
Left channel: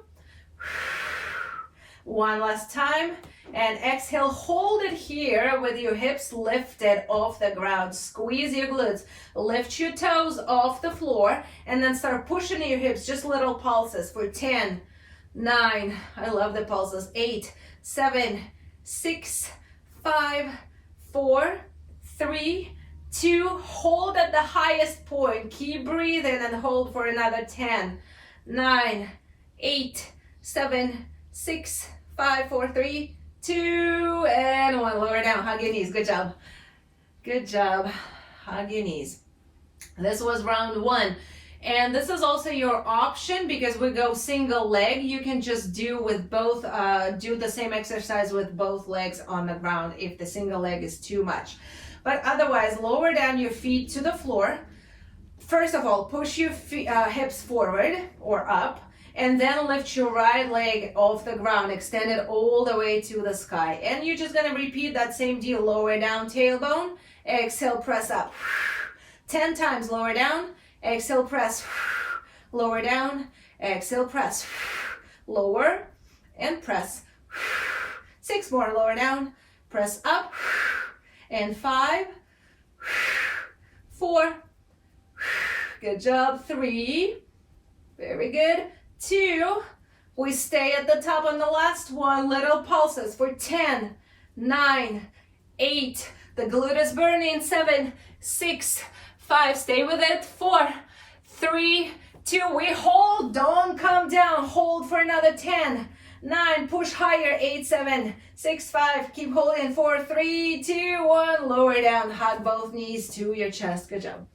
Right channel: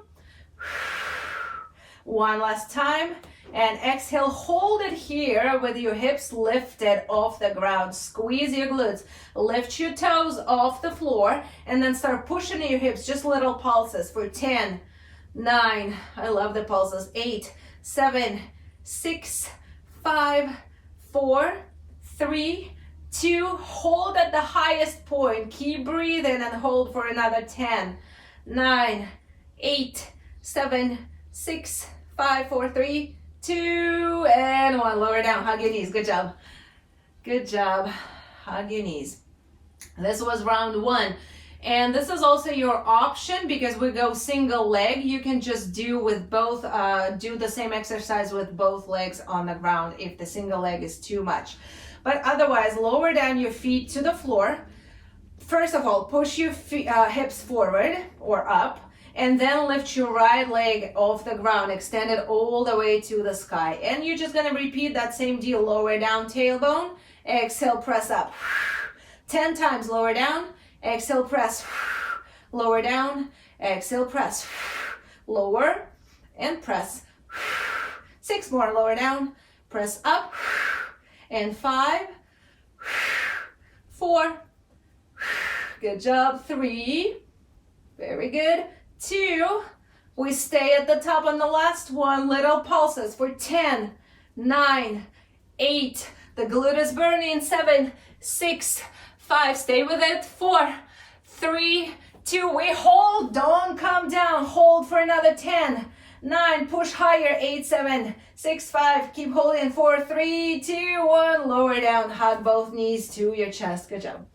1 last time. And exhale, hold it here with your hips lifted off the ground. Squeeze your glutes, lift your toes off the floor, and then start pushing your hips, just little pulses for 10, 9, I love the pulses, 8, 7, 6, 5, 4, 3, 2, hold at the highest point. Keep breathing and hold for another 10, 9, 8, 7, 6, 5, 4, 3, 2, and 1. Lower down, hug your knees. Good job. Good job. Hug your knees. This was round 1. And this is also your option because we go single leg. You can just do with both, do the same exercise with both legs on the ground if the single leg is too much. But otherwise, lower down your feet to the floor. First of all, push your hips forward or up, and then lift your right leg off the ground, extend it all the way to the sky. And you're just gonna repeat that same deal. Lower down, tailbone, exhale, press up. 10 times, lower down, exhale, press. Lower down, exhale, press. Lower and press. 6 more, lower down, press up. And 5, 4, good job, 3, very good, 2, we stay at the top on the last one, little pulses for 10, 9, 8, the glute is burning, 7, 6, 5, stay with it, 4, 3, 2, we hold, don't come down, hold for another 10, 9, push higher, 8, 7, 6, 5, keep holding, 4, 3, 2, 1, lower down, hug both knees to your chest, good job.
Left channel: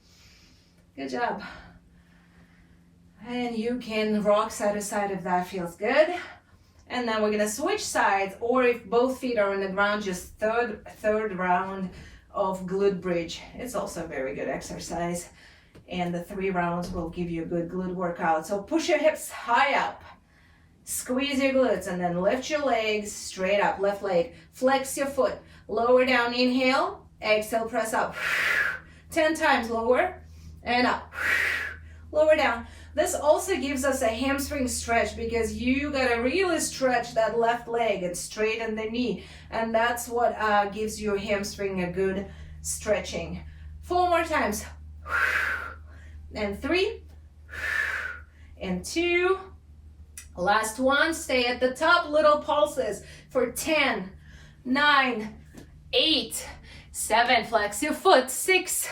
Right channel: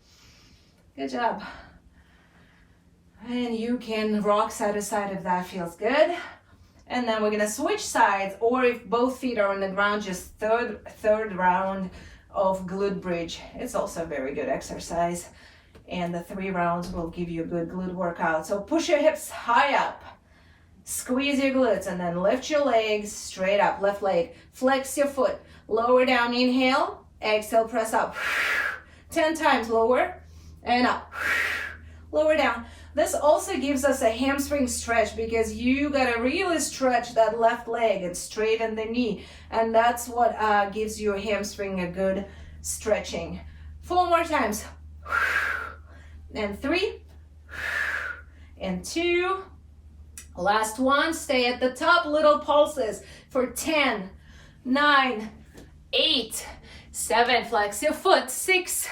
Good job. And you can rock side to side if that feels good. And then we're gonna switch sides, or if both feet are on the ground, just third round of glute bridge. It's also a very good exercise. And the 3 rounds will give you a good glute workout. So push your hips high up, squeeze your glutes, and then lift your legs straight up, left leg, flex your foot, lower down, inhale, exhale, press up. 10 times, lower and up, lower down. This also gives us a hamstring stretch because you gotta really stretch that left leg and straighten the knee, and that's what gives your hamstring a good stretching. 4 more times, and 3, and 2, last one, stay at the top, little pulses for 10, 9, 8, 7, flex your foot, 6,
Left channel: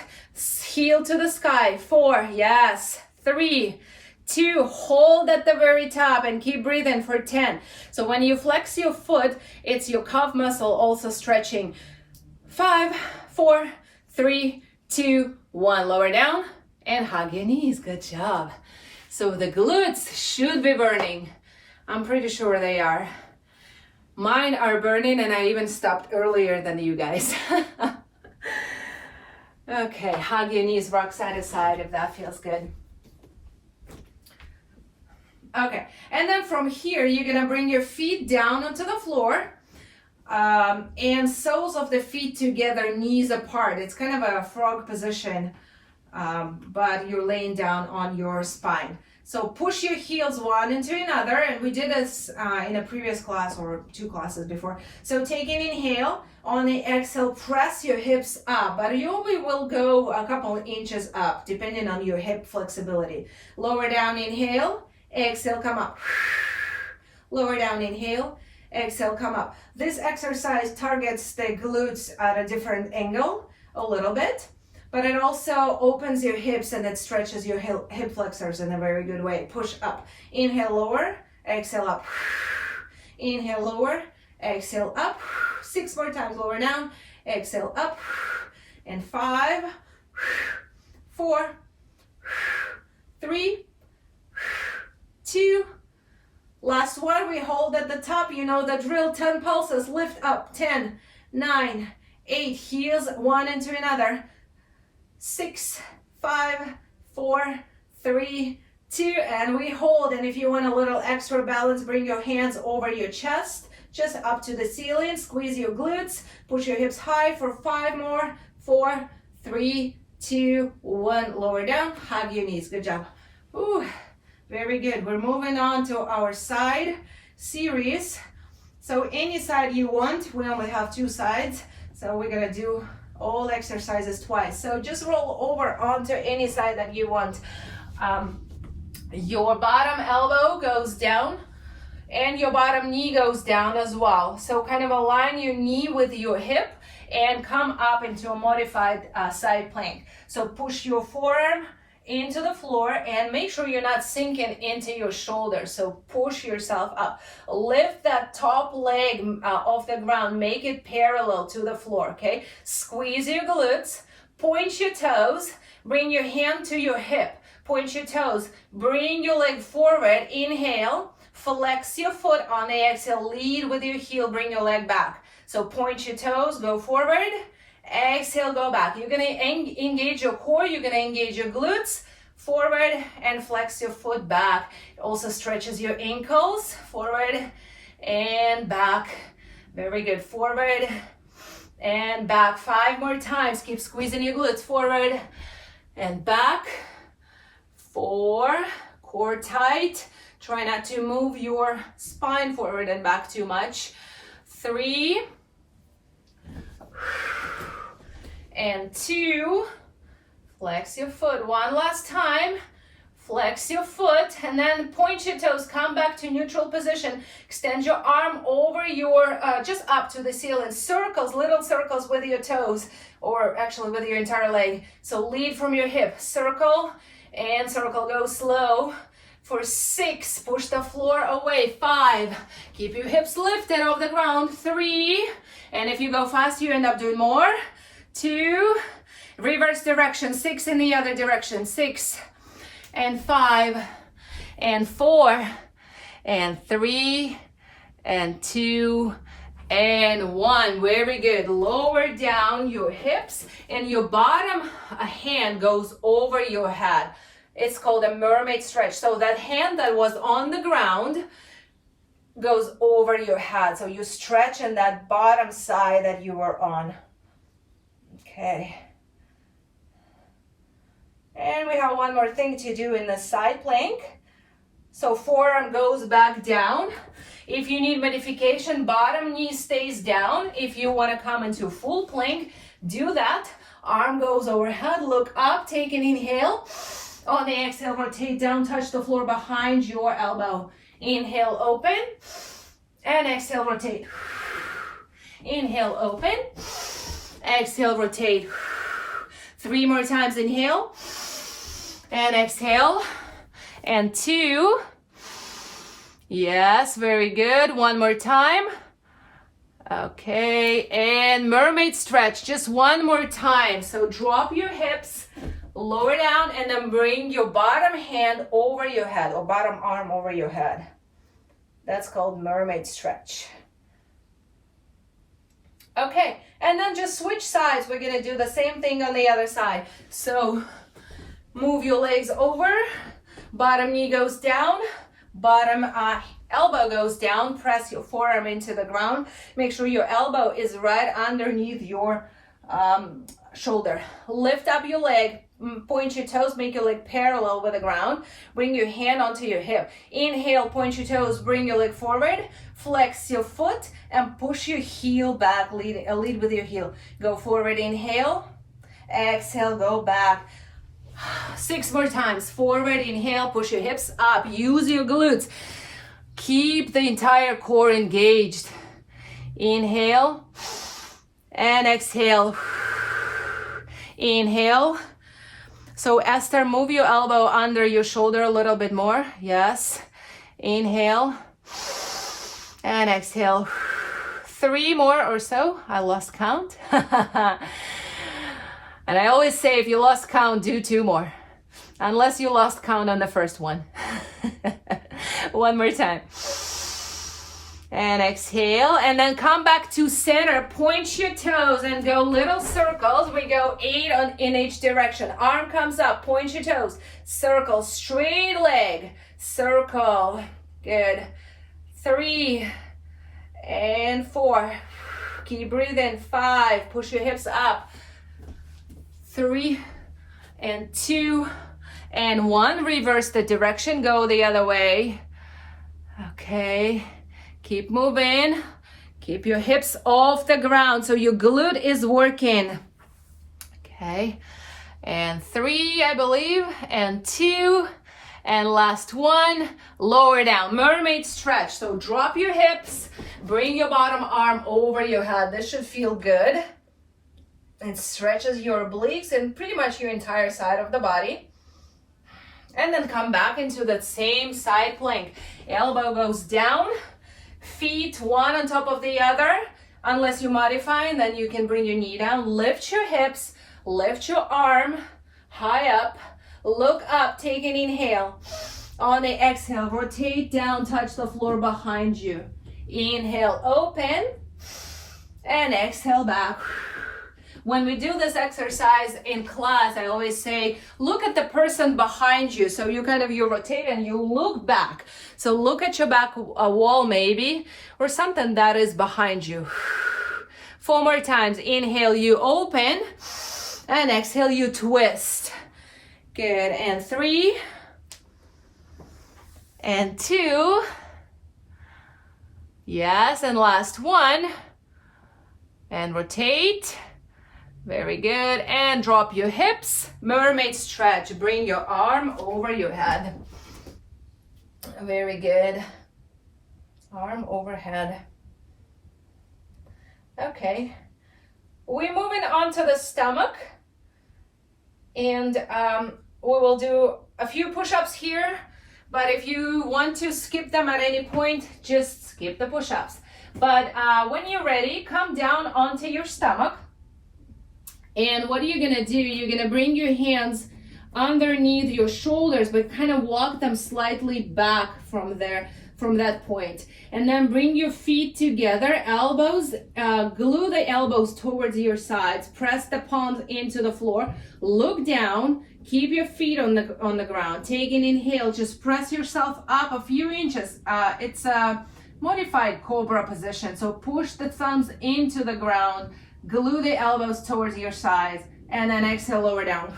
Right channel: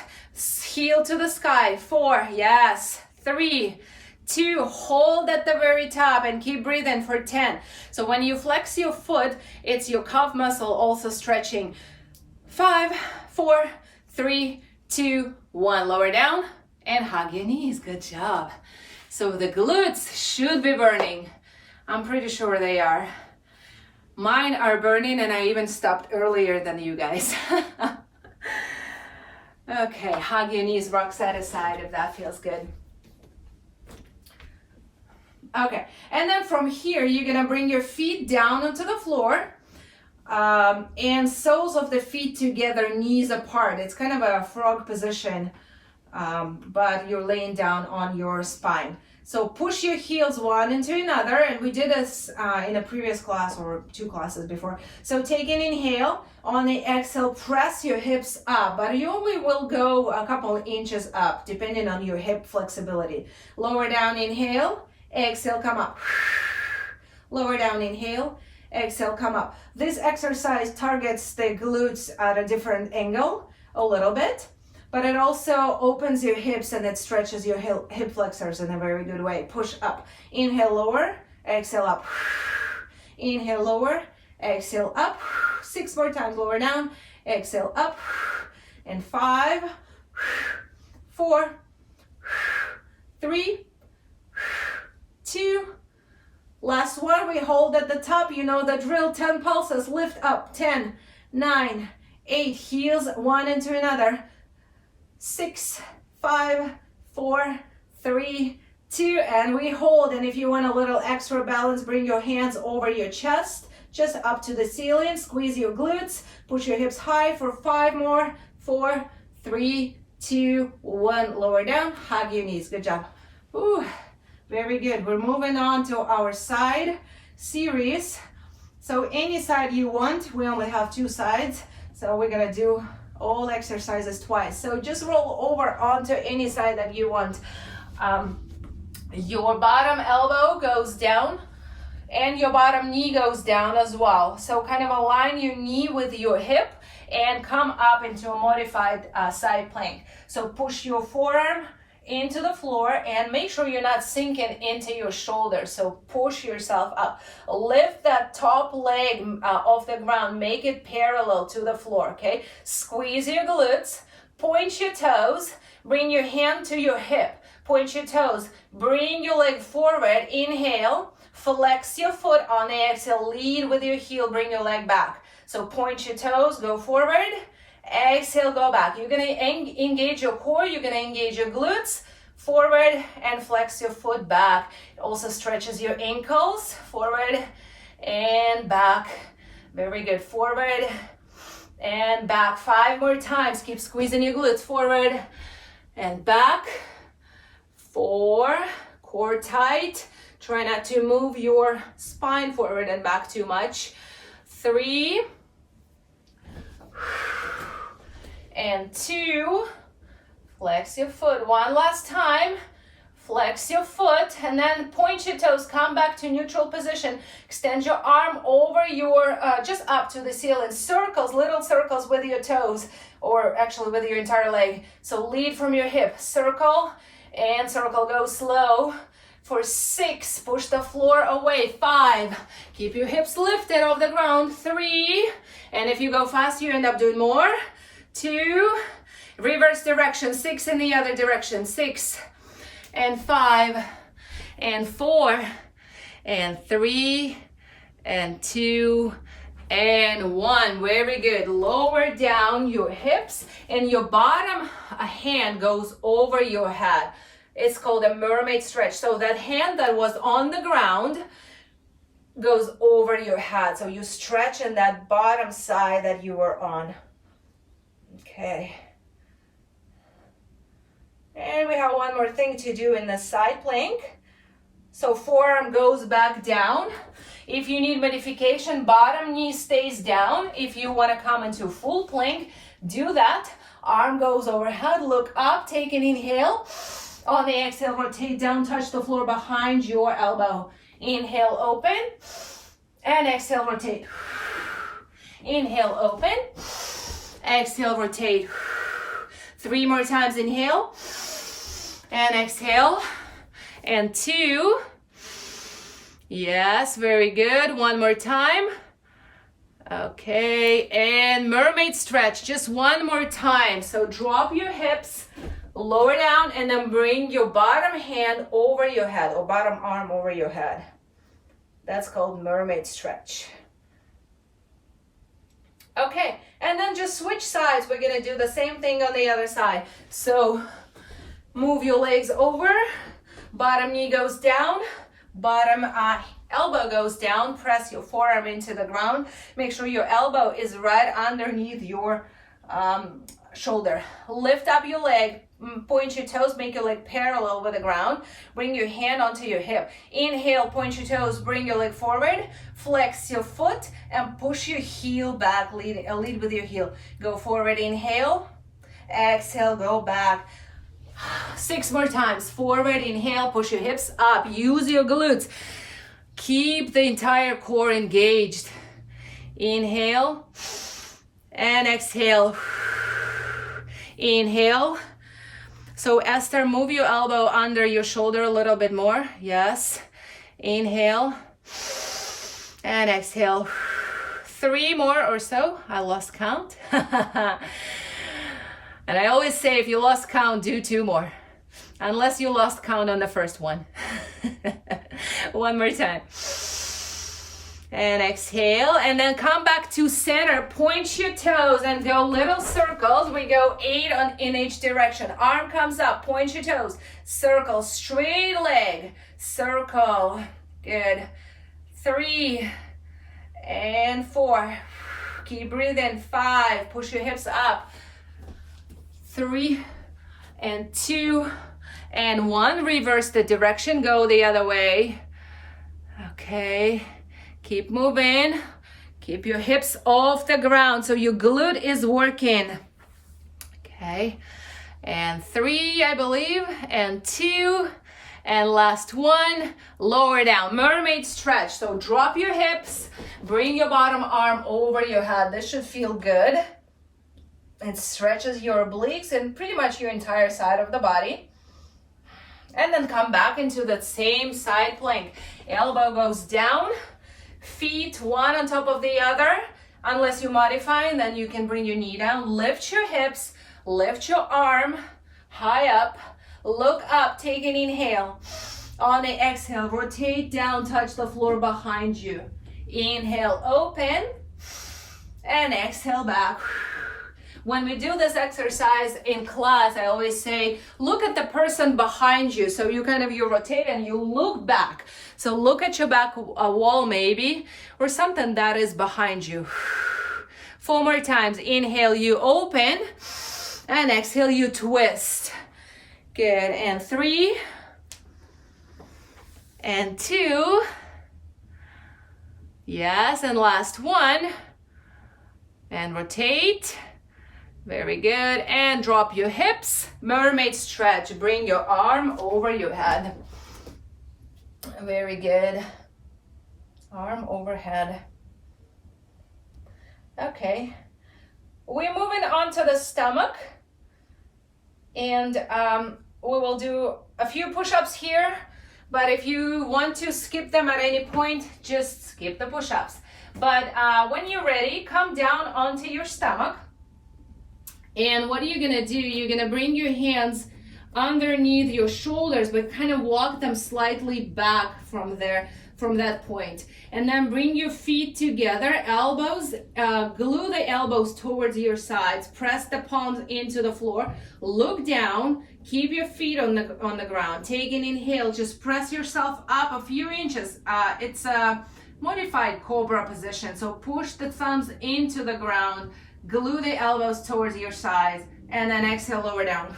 heel to the sky, 4, yes, 3, 2, hold at the very top and keep breathing for 10. So when you flex your foot, it's your calf muscle also stretching. 5, 4, 3, 2, 1, lower down and hug your knees, good job. So the glutes should be burning. I'm pretty sure they are. Mine are burning and I even stopped earlier than you guys. Okay, hug your knees, rock side to side if that feels good. Okay, and then from here, you're gonna bring your feet down onto the floor and soles of the feet together, knees apart. It's kind of a frog position, but you're laying down on your spine. So push your heels one into another, and we did this in a previous class or 2 classes before. So take an inhale, on the exhale, press your hips up, but you only will go a couple inches up depending on your hip flexibility. Lower down, inhale, exhale, come up. Lower down, inhale, exhale, come up. This exercise targets the glutes at a different angle a little bit, but it also opens your hips and it stretches your hip flexors in a very good way. Push up. Inhale, lower, exhale, up. Inhale, lower, exhale, up. 6 more times, lower down, exhale, up. And 5, 4, 3, 2, last one, we hold at the top, you know the drill, 10 pulses, lift up, 10, 9, 8, heels one into another, 6, 5, 4, 3, 2, and we hold. And if you want a little extra balance, bring your hands over your chest, just up to the ceiling, squeeze your glutes, push your hips high for 5 more, 4, 3, 2, 1, lower down, hug your knees, good job. Ooh. Very good. We're moving on to our side series. So any side you want, we only have 2 sides. So we're gonna do all exercises twice. So just roll over onto any side that you want. Your bottom elbow goes down and your bottom knee goes down as well. So kind of align your knee with your hip and come up into a modified side plank. So push your forearm into the floor, and make sure you're not sinking into your shoulder. So push yourself up. Lift that top leg off the ground. Make it parallel to the floor, okay? Squeeze your glutes. Point your toes. Bring your hand to your hip. Point your toes. Bring your leg forward. Inhale. Flex your foot on the exhale. Lead with your heel. Bring your leg back. So point your toes. Go forward. Exhale, go back. You're going to engage your core. You're going to engage your glutes. Forward and flex your foot back. It also stretches your ankles. Forward and back. Very good. Forward and back. 5 more times. Keep squeezing your glutes. Forward and back. 4. Core tight. Try not to move your spine forward and back too much. 3. And 2. Flex your foot. One last time. Flex your foot and then point your toes. Come back to neutral position. Extend your arm over your, just up to the ceiling. Circles, little circles with your toes, or actually with your entire leg. So lead from your hip. Circle and circle. Go slow. For 6, push the floor away. 5, keep your hips lifted off the ground. 3, and if you go fast, you end up doing more. 2, reverse direction. 6 in the other direction. 6 and 5 and 4 and 3 and 2 and 1. Very good. Lower down your hips and your bottom hand goes over your head. It's called a mermaid stretch. So that hand that was on the ground goes over your head. So you stretch in that bottom side that you were on. Okay. And we have one more thing to do in the side plank. So forearm goes back down. If you need modification, bottom knee stays down. If you want to come into full plank, do that. Arm goes overhead, look up, take an inhale. On the exhale, rotate down, touch the floor behind your elbow. Inhale, open, and exhale, rotate. Inhale, open, exhale, rotate. 3 more times, inhale, and exhale, and 2. Yes, very good. 1 more time. Okay, and mermaid stretch, just 1 more time. So drop your hips, lower down, and then bring your bottom hand over your head, or bottom arm over your head. That's called mermaid stretch. Okay, and then just switch sides. We're gonna do the same thing on the other side. So move your legs over, bottom knee goes down, bottom elbow goes down, press your forearm into the ground. Make sure your elbow is right underneath your shoulder. Lift up your leg, point your toes, make your leg parallel with the ground. Bring your hand onto your hip. Inhale, point your toes, bring your leg forward, flex your foot, and push your heel back. Lead with your heel. Go forward, inhale, exhale, go back. 6 more times. Forward, inhale, push your hips up. Use your glutes. Keep the entire core engaged. Inhale and exhale. Inhale. So Esther, move your elbow under your shoulder a little bit more. Yes. Inhale and exhale. 3 more or so. I lost count. And I always say, if you lost count, do 2 more. Unless you lost count on the first one. 1 more time. And exhale, and then come back to center. Point your toes and go little circles. We go 8 in each direction. Arm comes up, point your toes. Circle, straight leg. Circle, good. 3 and 4. Keep breathing. 5, push your hips up. 3 and 2 and 1. Reverse the direction, go the other way. Okay, keep moving. Keep your hips off the ground so your glute is working. Okay, and 3, I believe, and 2, and last 1. Lower down, mermaid stretch. So drop your hips, bring your bottom arm over your head. This should feel good. It stretches your obliques and pretty much your entire side of the body. And then come back into that same side plank. Elbow goes down, feet one on top of the other. Unless you modify, and then you can bring your knee down. Lift your hips, lift your arm high up, look up, take an inhale. On the exhale, rotate down, touch the floor behind you. Inhale, open, and exhale back. When we do this exercise in class, I always say, look at the person behind you. So you rotate and you look back. So look at your back wall maybe, or something that is behind you. 4 more times. Inhale, you open, and exhale, you twist. Good, and 3, and 2. Yes, and last 1. And rotate. Very good, and drop your hips. Mermaid stretch, bring your arm over your head. Very good. Arm overhead. Okay, we're moving on to the stomach, and we will do a few push-ups here, but if you want to skip them at any point, just skip the push-ups. But when you're ready, come down onto your stomach. And what are you gonna do? You're gonna bring your hands underneath your shoulders, but kind of walk them slightly back from there, from that point. And then bring your feet together, elbows, glue the elbows towards your sides, press the palms into the floor, look down, keep your feet on the ground. Take an inhale, just press yourself up a few inches. It's a modified Cobra position, so push the thumbs into the ground, glue the elbows towards your sides, and then exhale, lower down.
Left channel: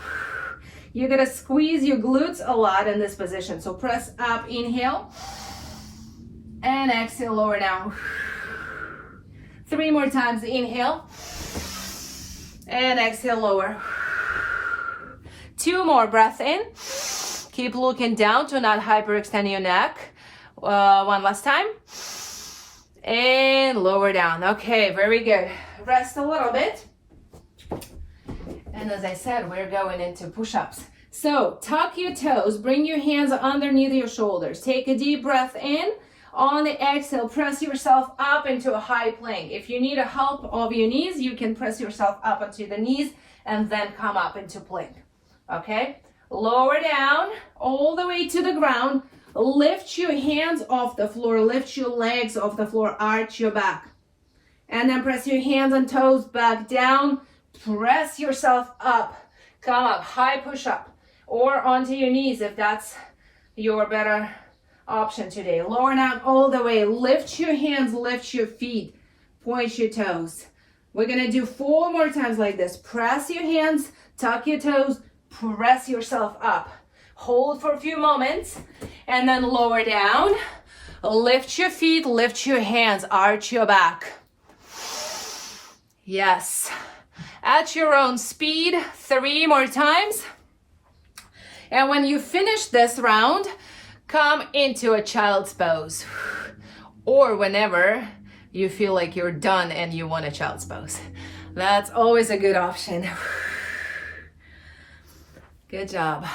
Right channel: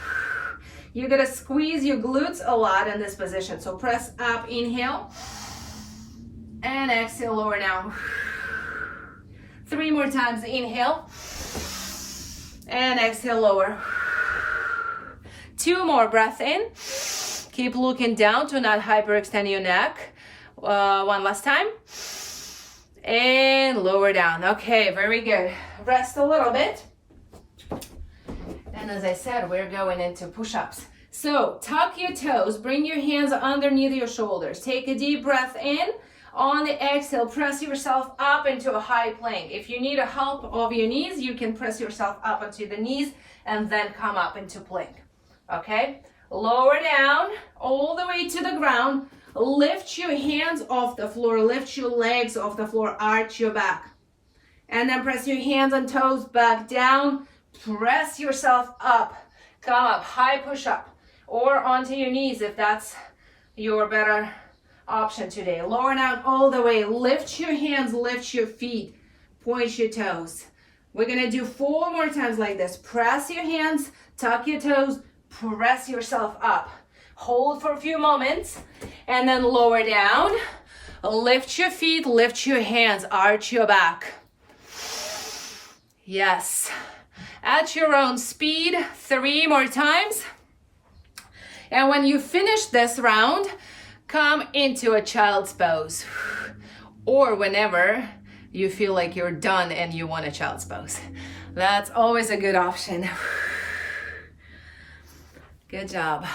You're gonna squeeze your glutes a lot in this position. So press up, inhale, and exhale, lower down. 3 more times, inhale, and exhale, lower. 2 more, breath in. Keep looking down to not hyperextend your neck. 1 last time. And lower down. Okay, very good. Rest a little bit. And as I said, we're going into push-ups. So tuck your toes, bring your hands underneath your shoulders. Take a deep breath in. On the exhale, press yourself up into a high plank. If you need a help of your knees, you can press yourself up onto the knees and then come up into plank. Okay? Lower down all the way to the ground. Lift your hands off the floor, lift your legs off the floor, arch your back. And then press your hands and toes back down, press yourself up, come up, high push-up, or onto your knees if that's your better option today. Lower down all the way, lift your hands, lift your feet, point your toes. We're gonna do 4 more times like this. Press your hands, tuck your toes, press yourself up. Hold for a few moments, and then lower down. Lift your feet, lift your hands, arch your back. Yes. At your own speed, 3 more times. And when you finish this round, come into a child's pose. Or whenever you feel like you're done and you want a child's pose. That's always a good option. Good job.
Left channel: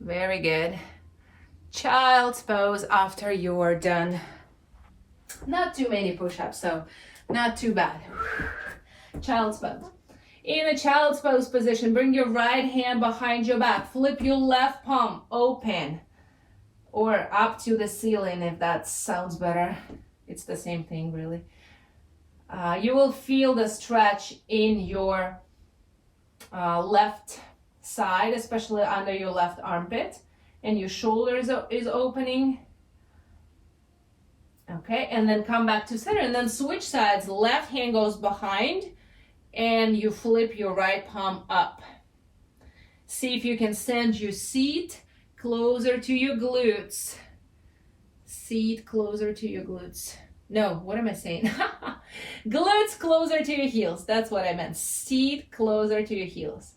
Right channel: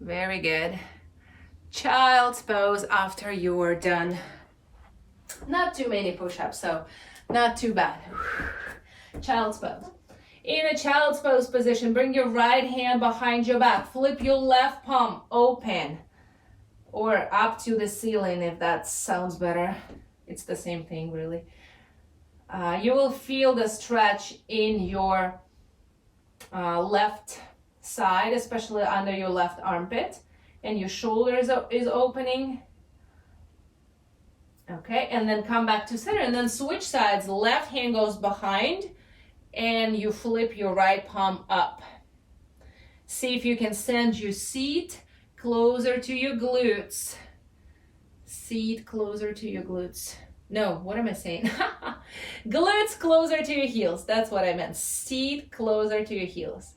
Very good. Child's pose after you are done. Not too many push-ups, so not too bad. Child's pose. In a child's pose position, bring your right hand behind your back. Flip your left palm open or up to the ceiling if that sounds better. It's the same thing, really. You will feel the stretch in your left side, especially under your left armpit, and your shoulder is opening. Okay, and then come back to center, and then switch sides. Left hand goes behind, and you flip your right palm up. See if you can send your seat closer to your glutes. Seat closer to your glutes. No, what am I saying? Glutes closer to your heels. That's what I meant. Seat closer to your heels.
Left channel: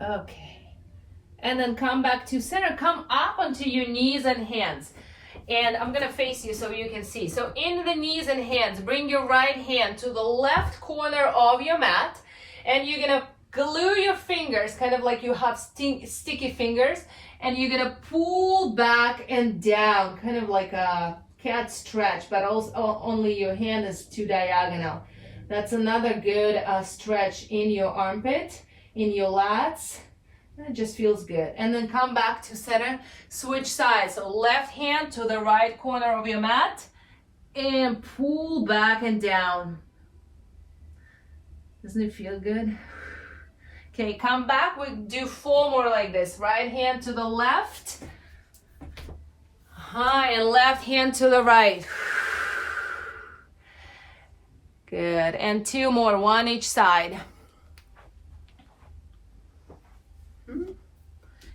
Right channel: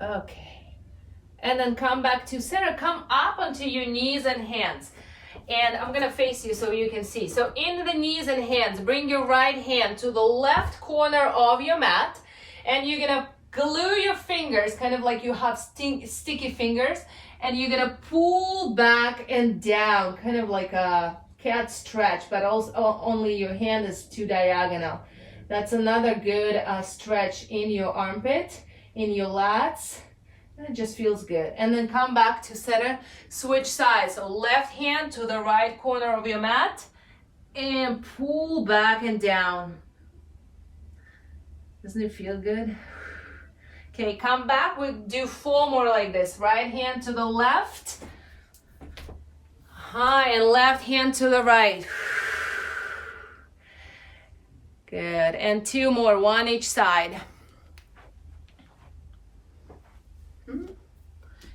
Okay, and then come back to center. Come up onto your knees and hands, And I'm gonna face you so you can see. So in the knees and hands, bring your right hand to the left corner of your mat, and you're gonna glue your fingers, kind of like you have sticky fingers, and you're gonna pull back and down, kind of like a cat stretch, but also only your hand is too diagonal. That's another good stretch in your armpit, in your lats. It just feels good. And then come back to center, switch sides. So left hand to the right corner of your mat and pull back and down. Doesn't it feel good? Okay, come back. We do 4 more like this. Right hand to the left. And left hand to the right. Good. And 2 more, 1 each side.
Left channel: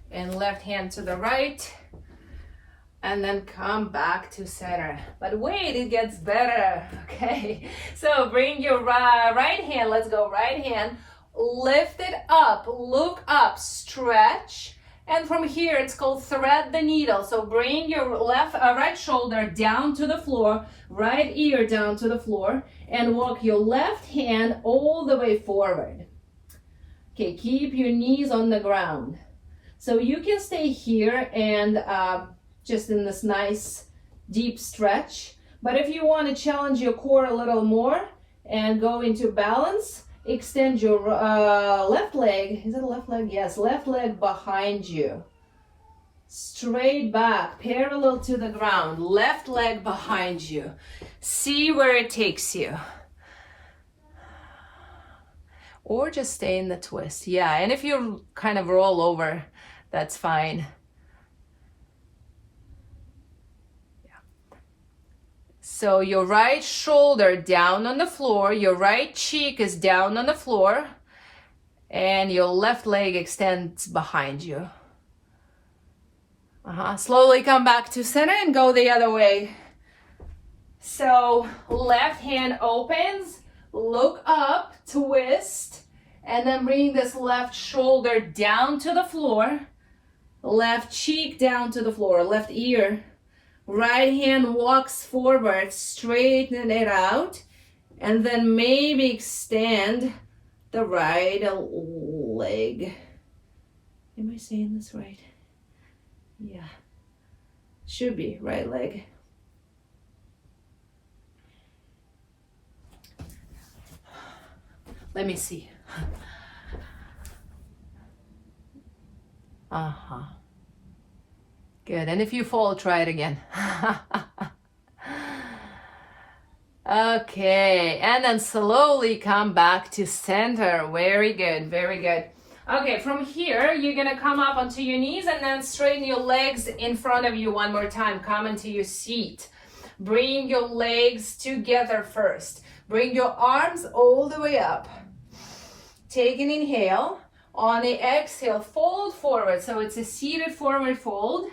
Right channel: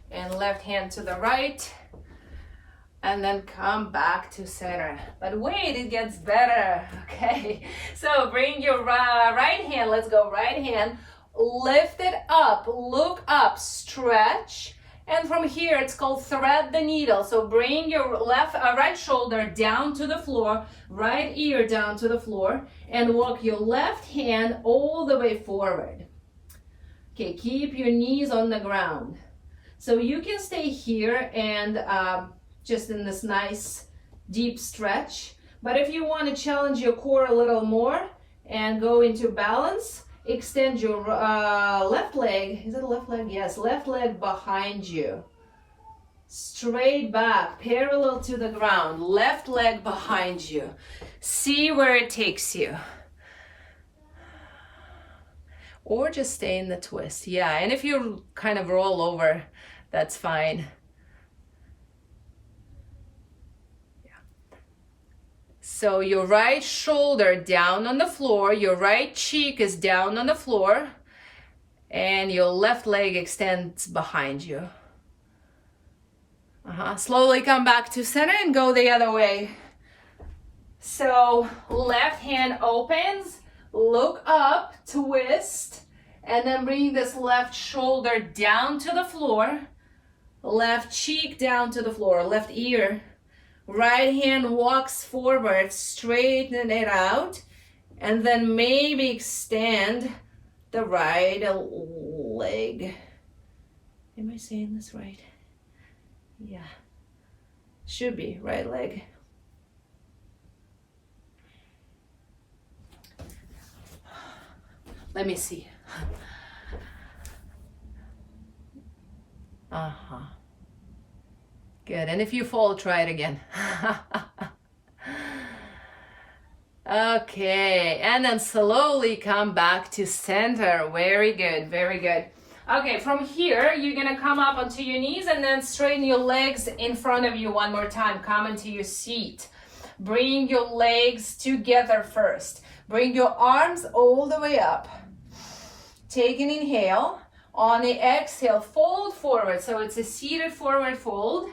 And left hand to the right, and then come back to center. But wait, it gets better. Okay, so bring your right hand, let's go, right hand, lift it up, look up, stretch, and from here it's called thread the needle. So bring your right shoulder down to the floor, right ear down to the floor, and walk your left hand all the way forward. Okay, keep your knees on the ground. So you can stay here and just in this nice deep stretch. But if you want to challenge your core a little more and go into balance, extend your left leg. Is it a left leg? Yes, left leg behind you. Straight back, parallel to the ground. Left leg behind you. See where it takes you. Or just stay in the twist. Yeah, and if you kind of roll over, that's fine. Yeah. So your right shoulder down on the floor, your right cheek is down on the floor, and your left leg extends behind you. Slowly come back to center and go the other way. So left hand opens, look up, twist, and then bring this left shoulder down to the floor. Left cheek down to the floor, left ear. Right hand walks forward, straighten it out, and then maybe extend the right leg. Am I saying this right? Yeah, should be right leg. Let me see. Good, and if you fall, try it again. Okay, and then slowly come back to center. Very good, very good. Okay, from here, you're gonna come up onto your knees and then straighten your legs in front of you one more time. Come into your seat. Bring your legs together first. Bring your arms all the way up. Take an inhale. On the exhale, fold forward. So it's a seated forward fold.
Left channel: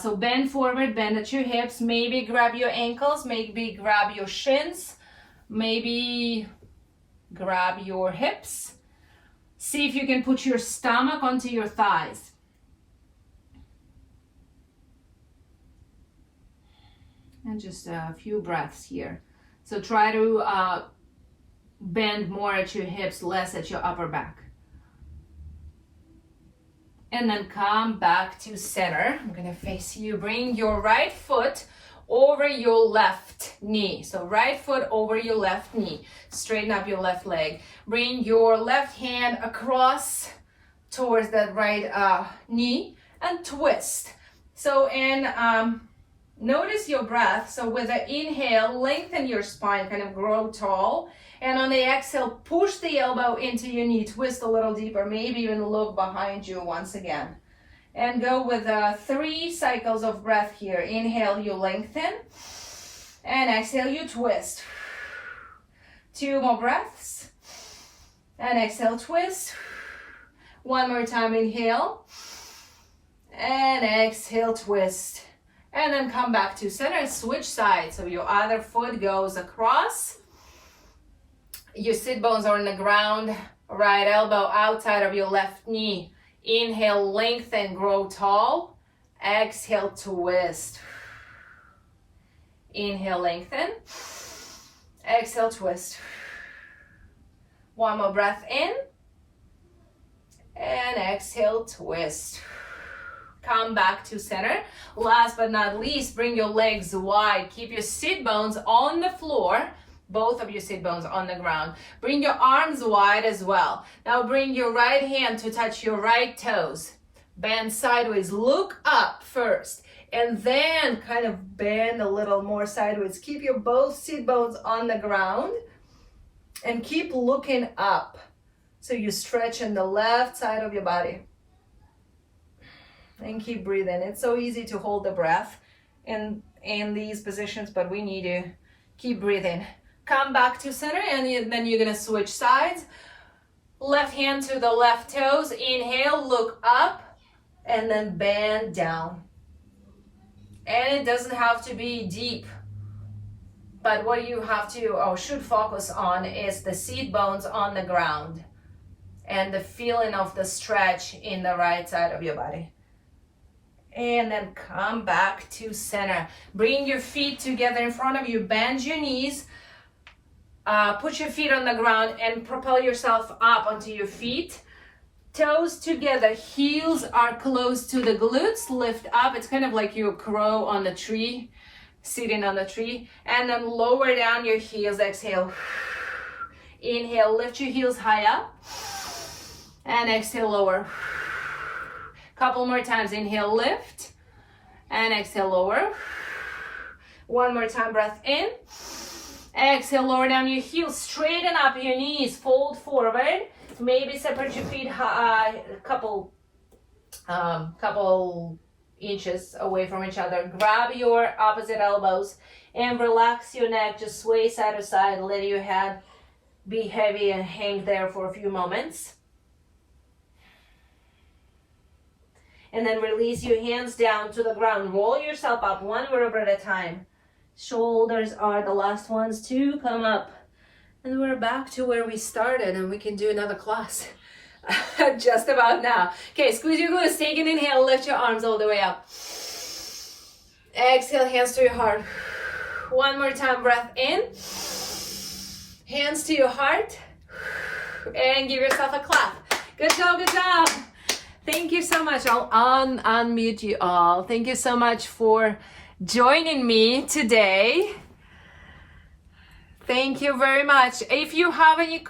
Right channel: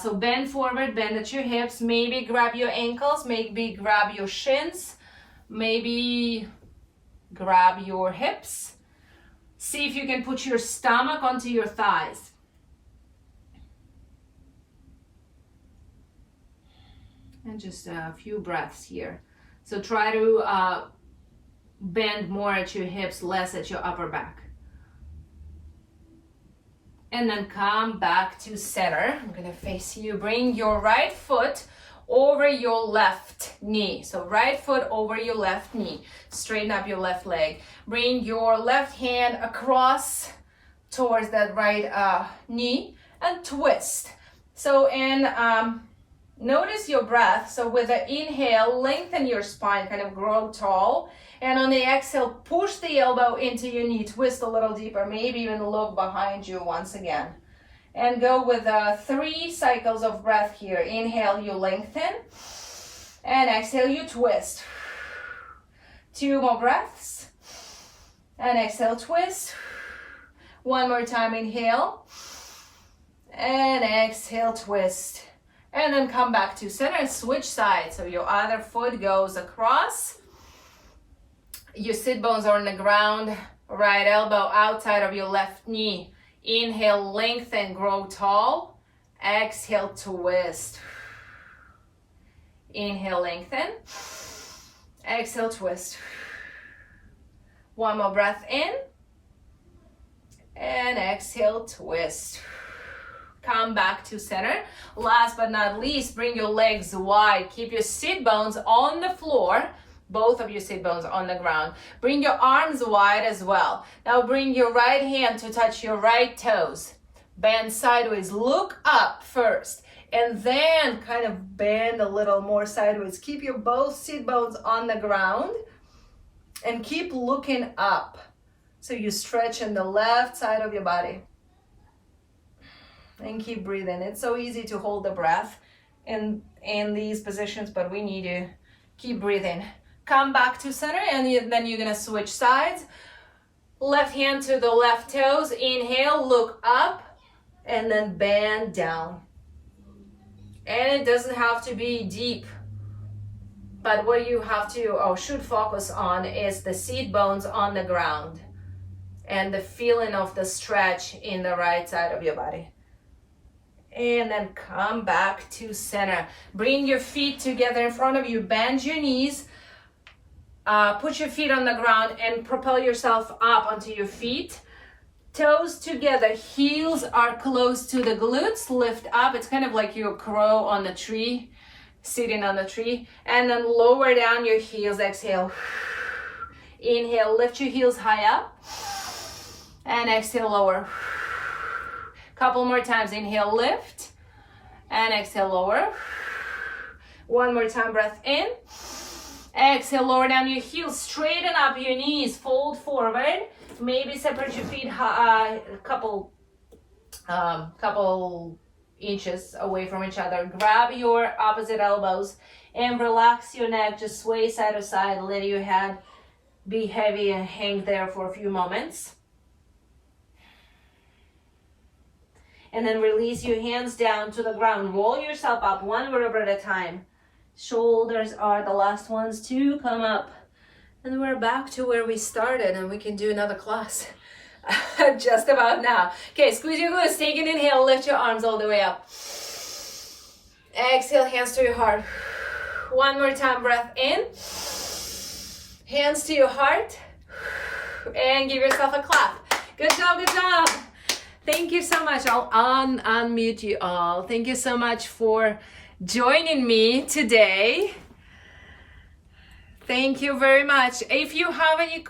So bend forward, bend at your hips. Maybe grab your ankles, maybe grab your shins, maybe grab your hips. See if you can put your stomach onto your thighs. And just a few breaths here. So try to bend more at your hips, less at your upper back. And then come back to center. I'm gonna face you. Bring your right foot over your left knee. So right foot over your left knee. Straighten up your left leg. Bring your left hand across towards that right knee and twist. So notice your breath. So with the inhale, lengthen your spine, kind of grow tall. And on the exhale, push the elbow into your knee, twist a little deeper, maybe even look behind you once again. And go with 3 cycles of breath here. Inhale, you lengthen. And exhale, you twist. 2 more breaths. And exhale, twist. 1 more time, inhale. And exhale, twist. And then come back to center, switch sides. So your other foot goes across. Your sit bones are on the ground, right elbow outside of your left knee. Inhale, lengthen, grow tall. Exhale, twist. Inhale, lengthen. Exhale, twist. One more breath in. And exhale, twist. Come back to center. Last but not least, bring your legs wide. Keep your sit bones on the floor. Both of your sit bones on the ground. Bring your arms wide as well. Now bring your right hand to touch your right toes. Bend sideways. Look up first. And then kind of bend a little more sideways. Keep your both sit bones on the ground. And keep looking up. So you stretch in the left side of your body. And keep breathing. It's so easy to hold the breath in these positions, but we need to keep breathing. Come back to center, and then you're gonna switch sides. Left hand to the left toes. Inhale, look up, and then bend down. And it doesn't have to be deep, but what you have to or should focus on is the sit bones on the ground and the feeling of the stretch in the right side of your body. And then come back to center. Bring your feet together in front of you. Bend your knees. Put your feet on the ground and propel yourself up onto your feet. Toes together. Heels are close to the glutes. Lift up. It's kind of like you're a crow on the tree, sitting on the tree. And then lower down your heels. Exhale. Inhale. Lift your heels high up. And exhale, lower. Couple more times. Inhale, lift. And exhale, lower. One more time, breath in. Exhale, lower down your heels. Straighten up your knees. Fold forward. Maybe separate your feet a couple inches away from each other. Grab your opposite elbows and relax your neck. Just sway side to side. Let your head be heavy and hang there for a few moments. And then release your hands down to the ground. Roll yourself up one vertebra at a time. Shoulders are the last ones to come up. And we're back to where we started, and we can do another class just about now. Okay, squeeze your glutes. Take an inhale. Lift your arms all the way up. Exhale, hands to your heart. One more time, breath in. Hands to your heart. And give yourself a clap. Good job, good job. Thank you so much. I'll unmute you all. Thank you so much for joining me today. Thank you very much. If you have any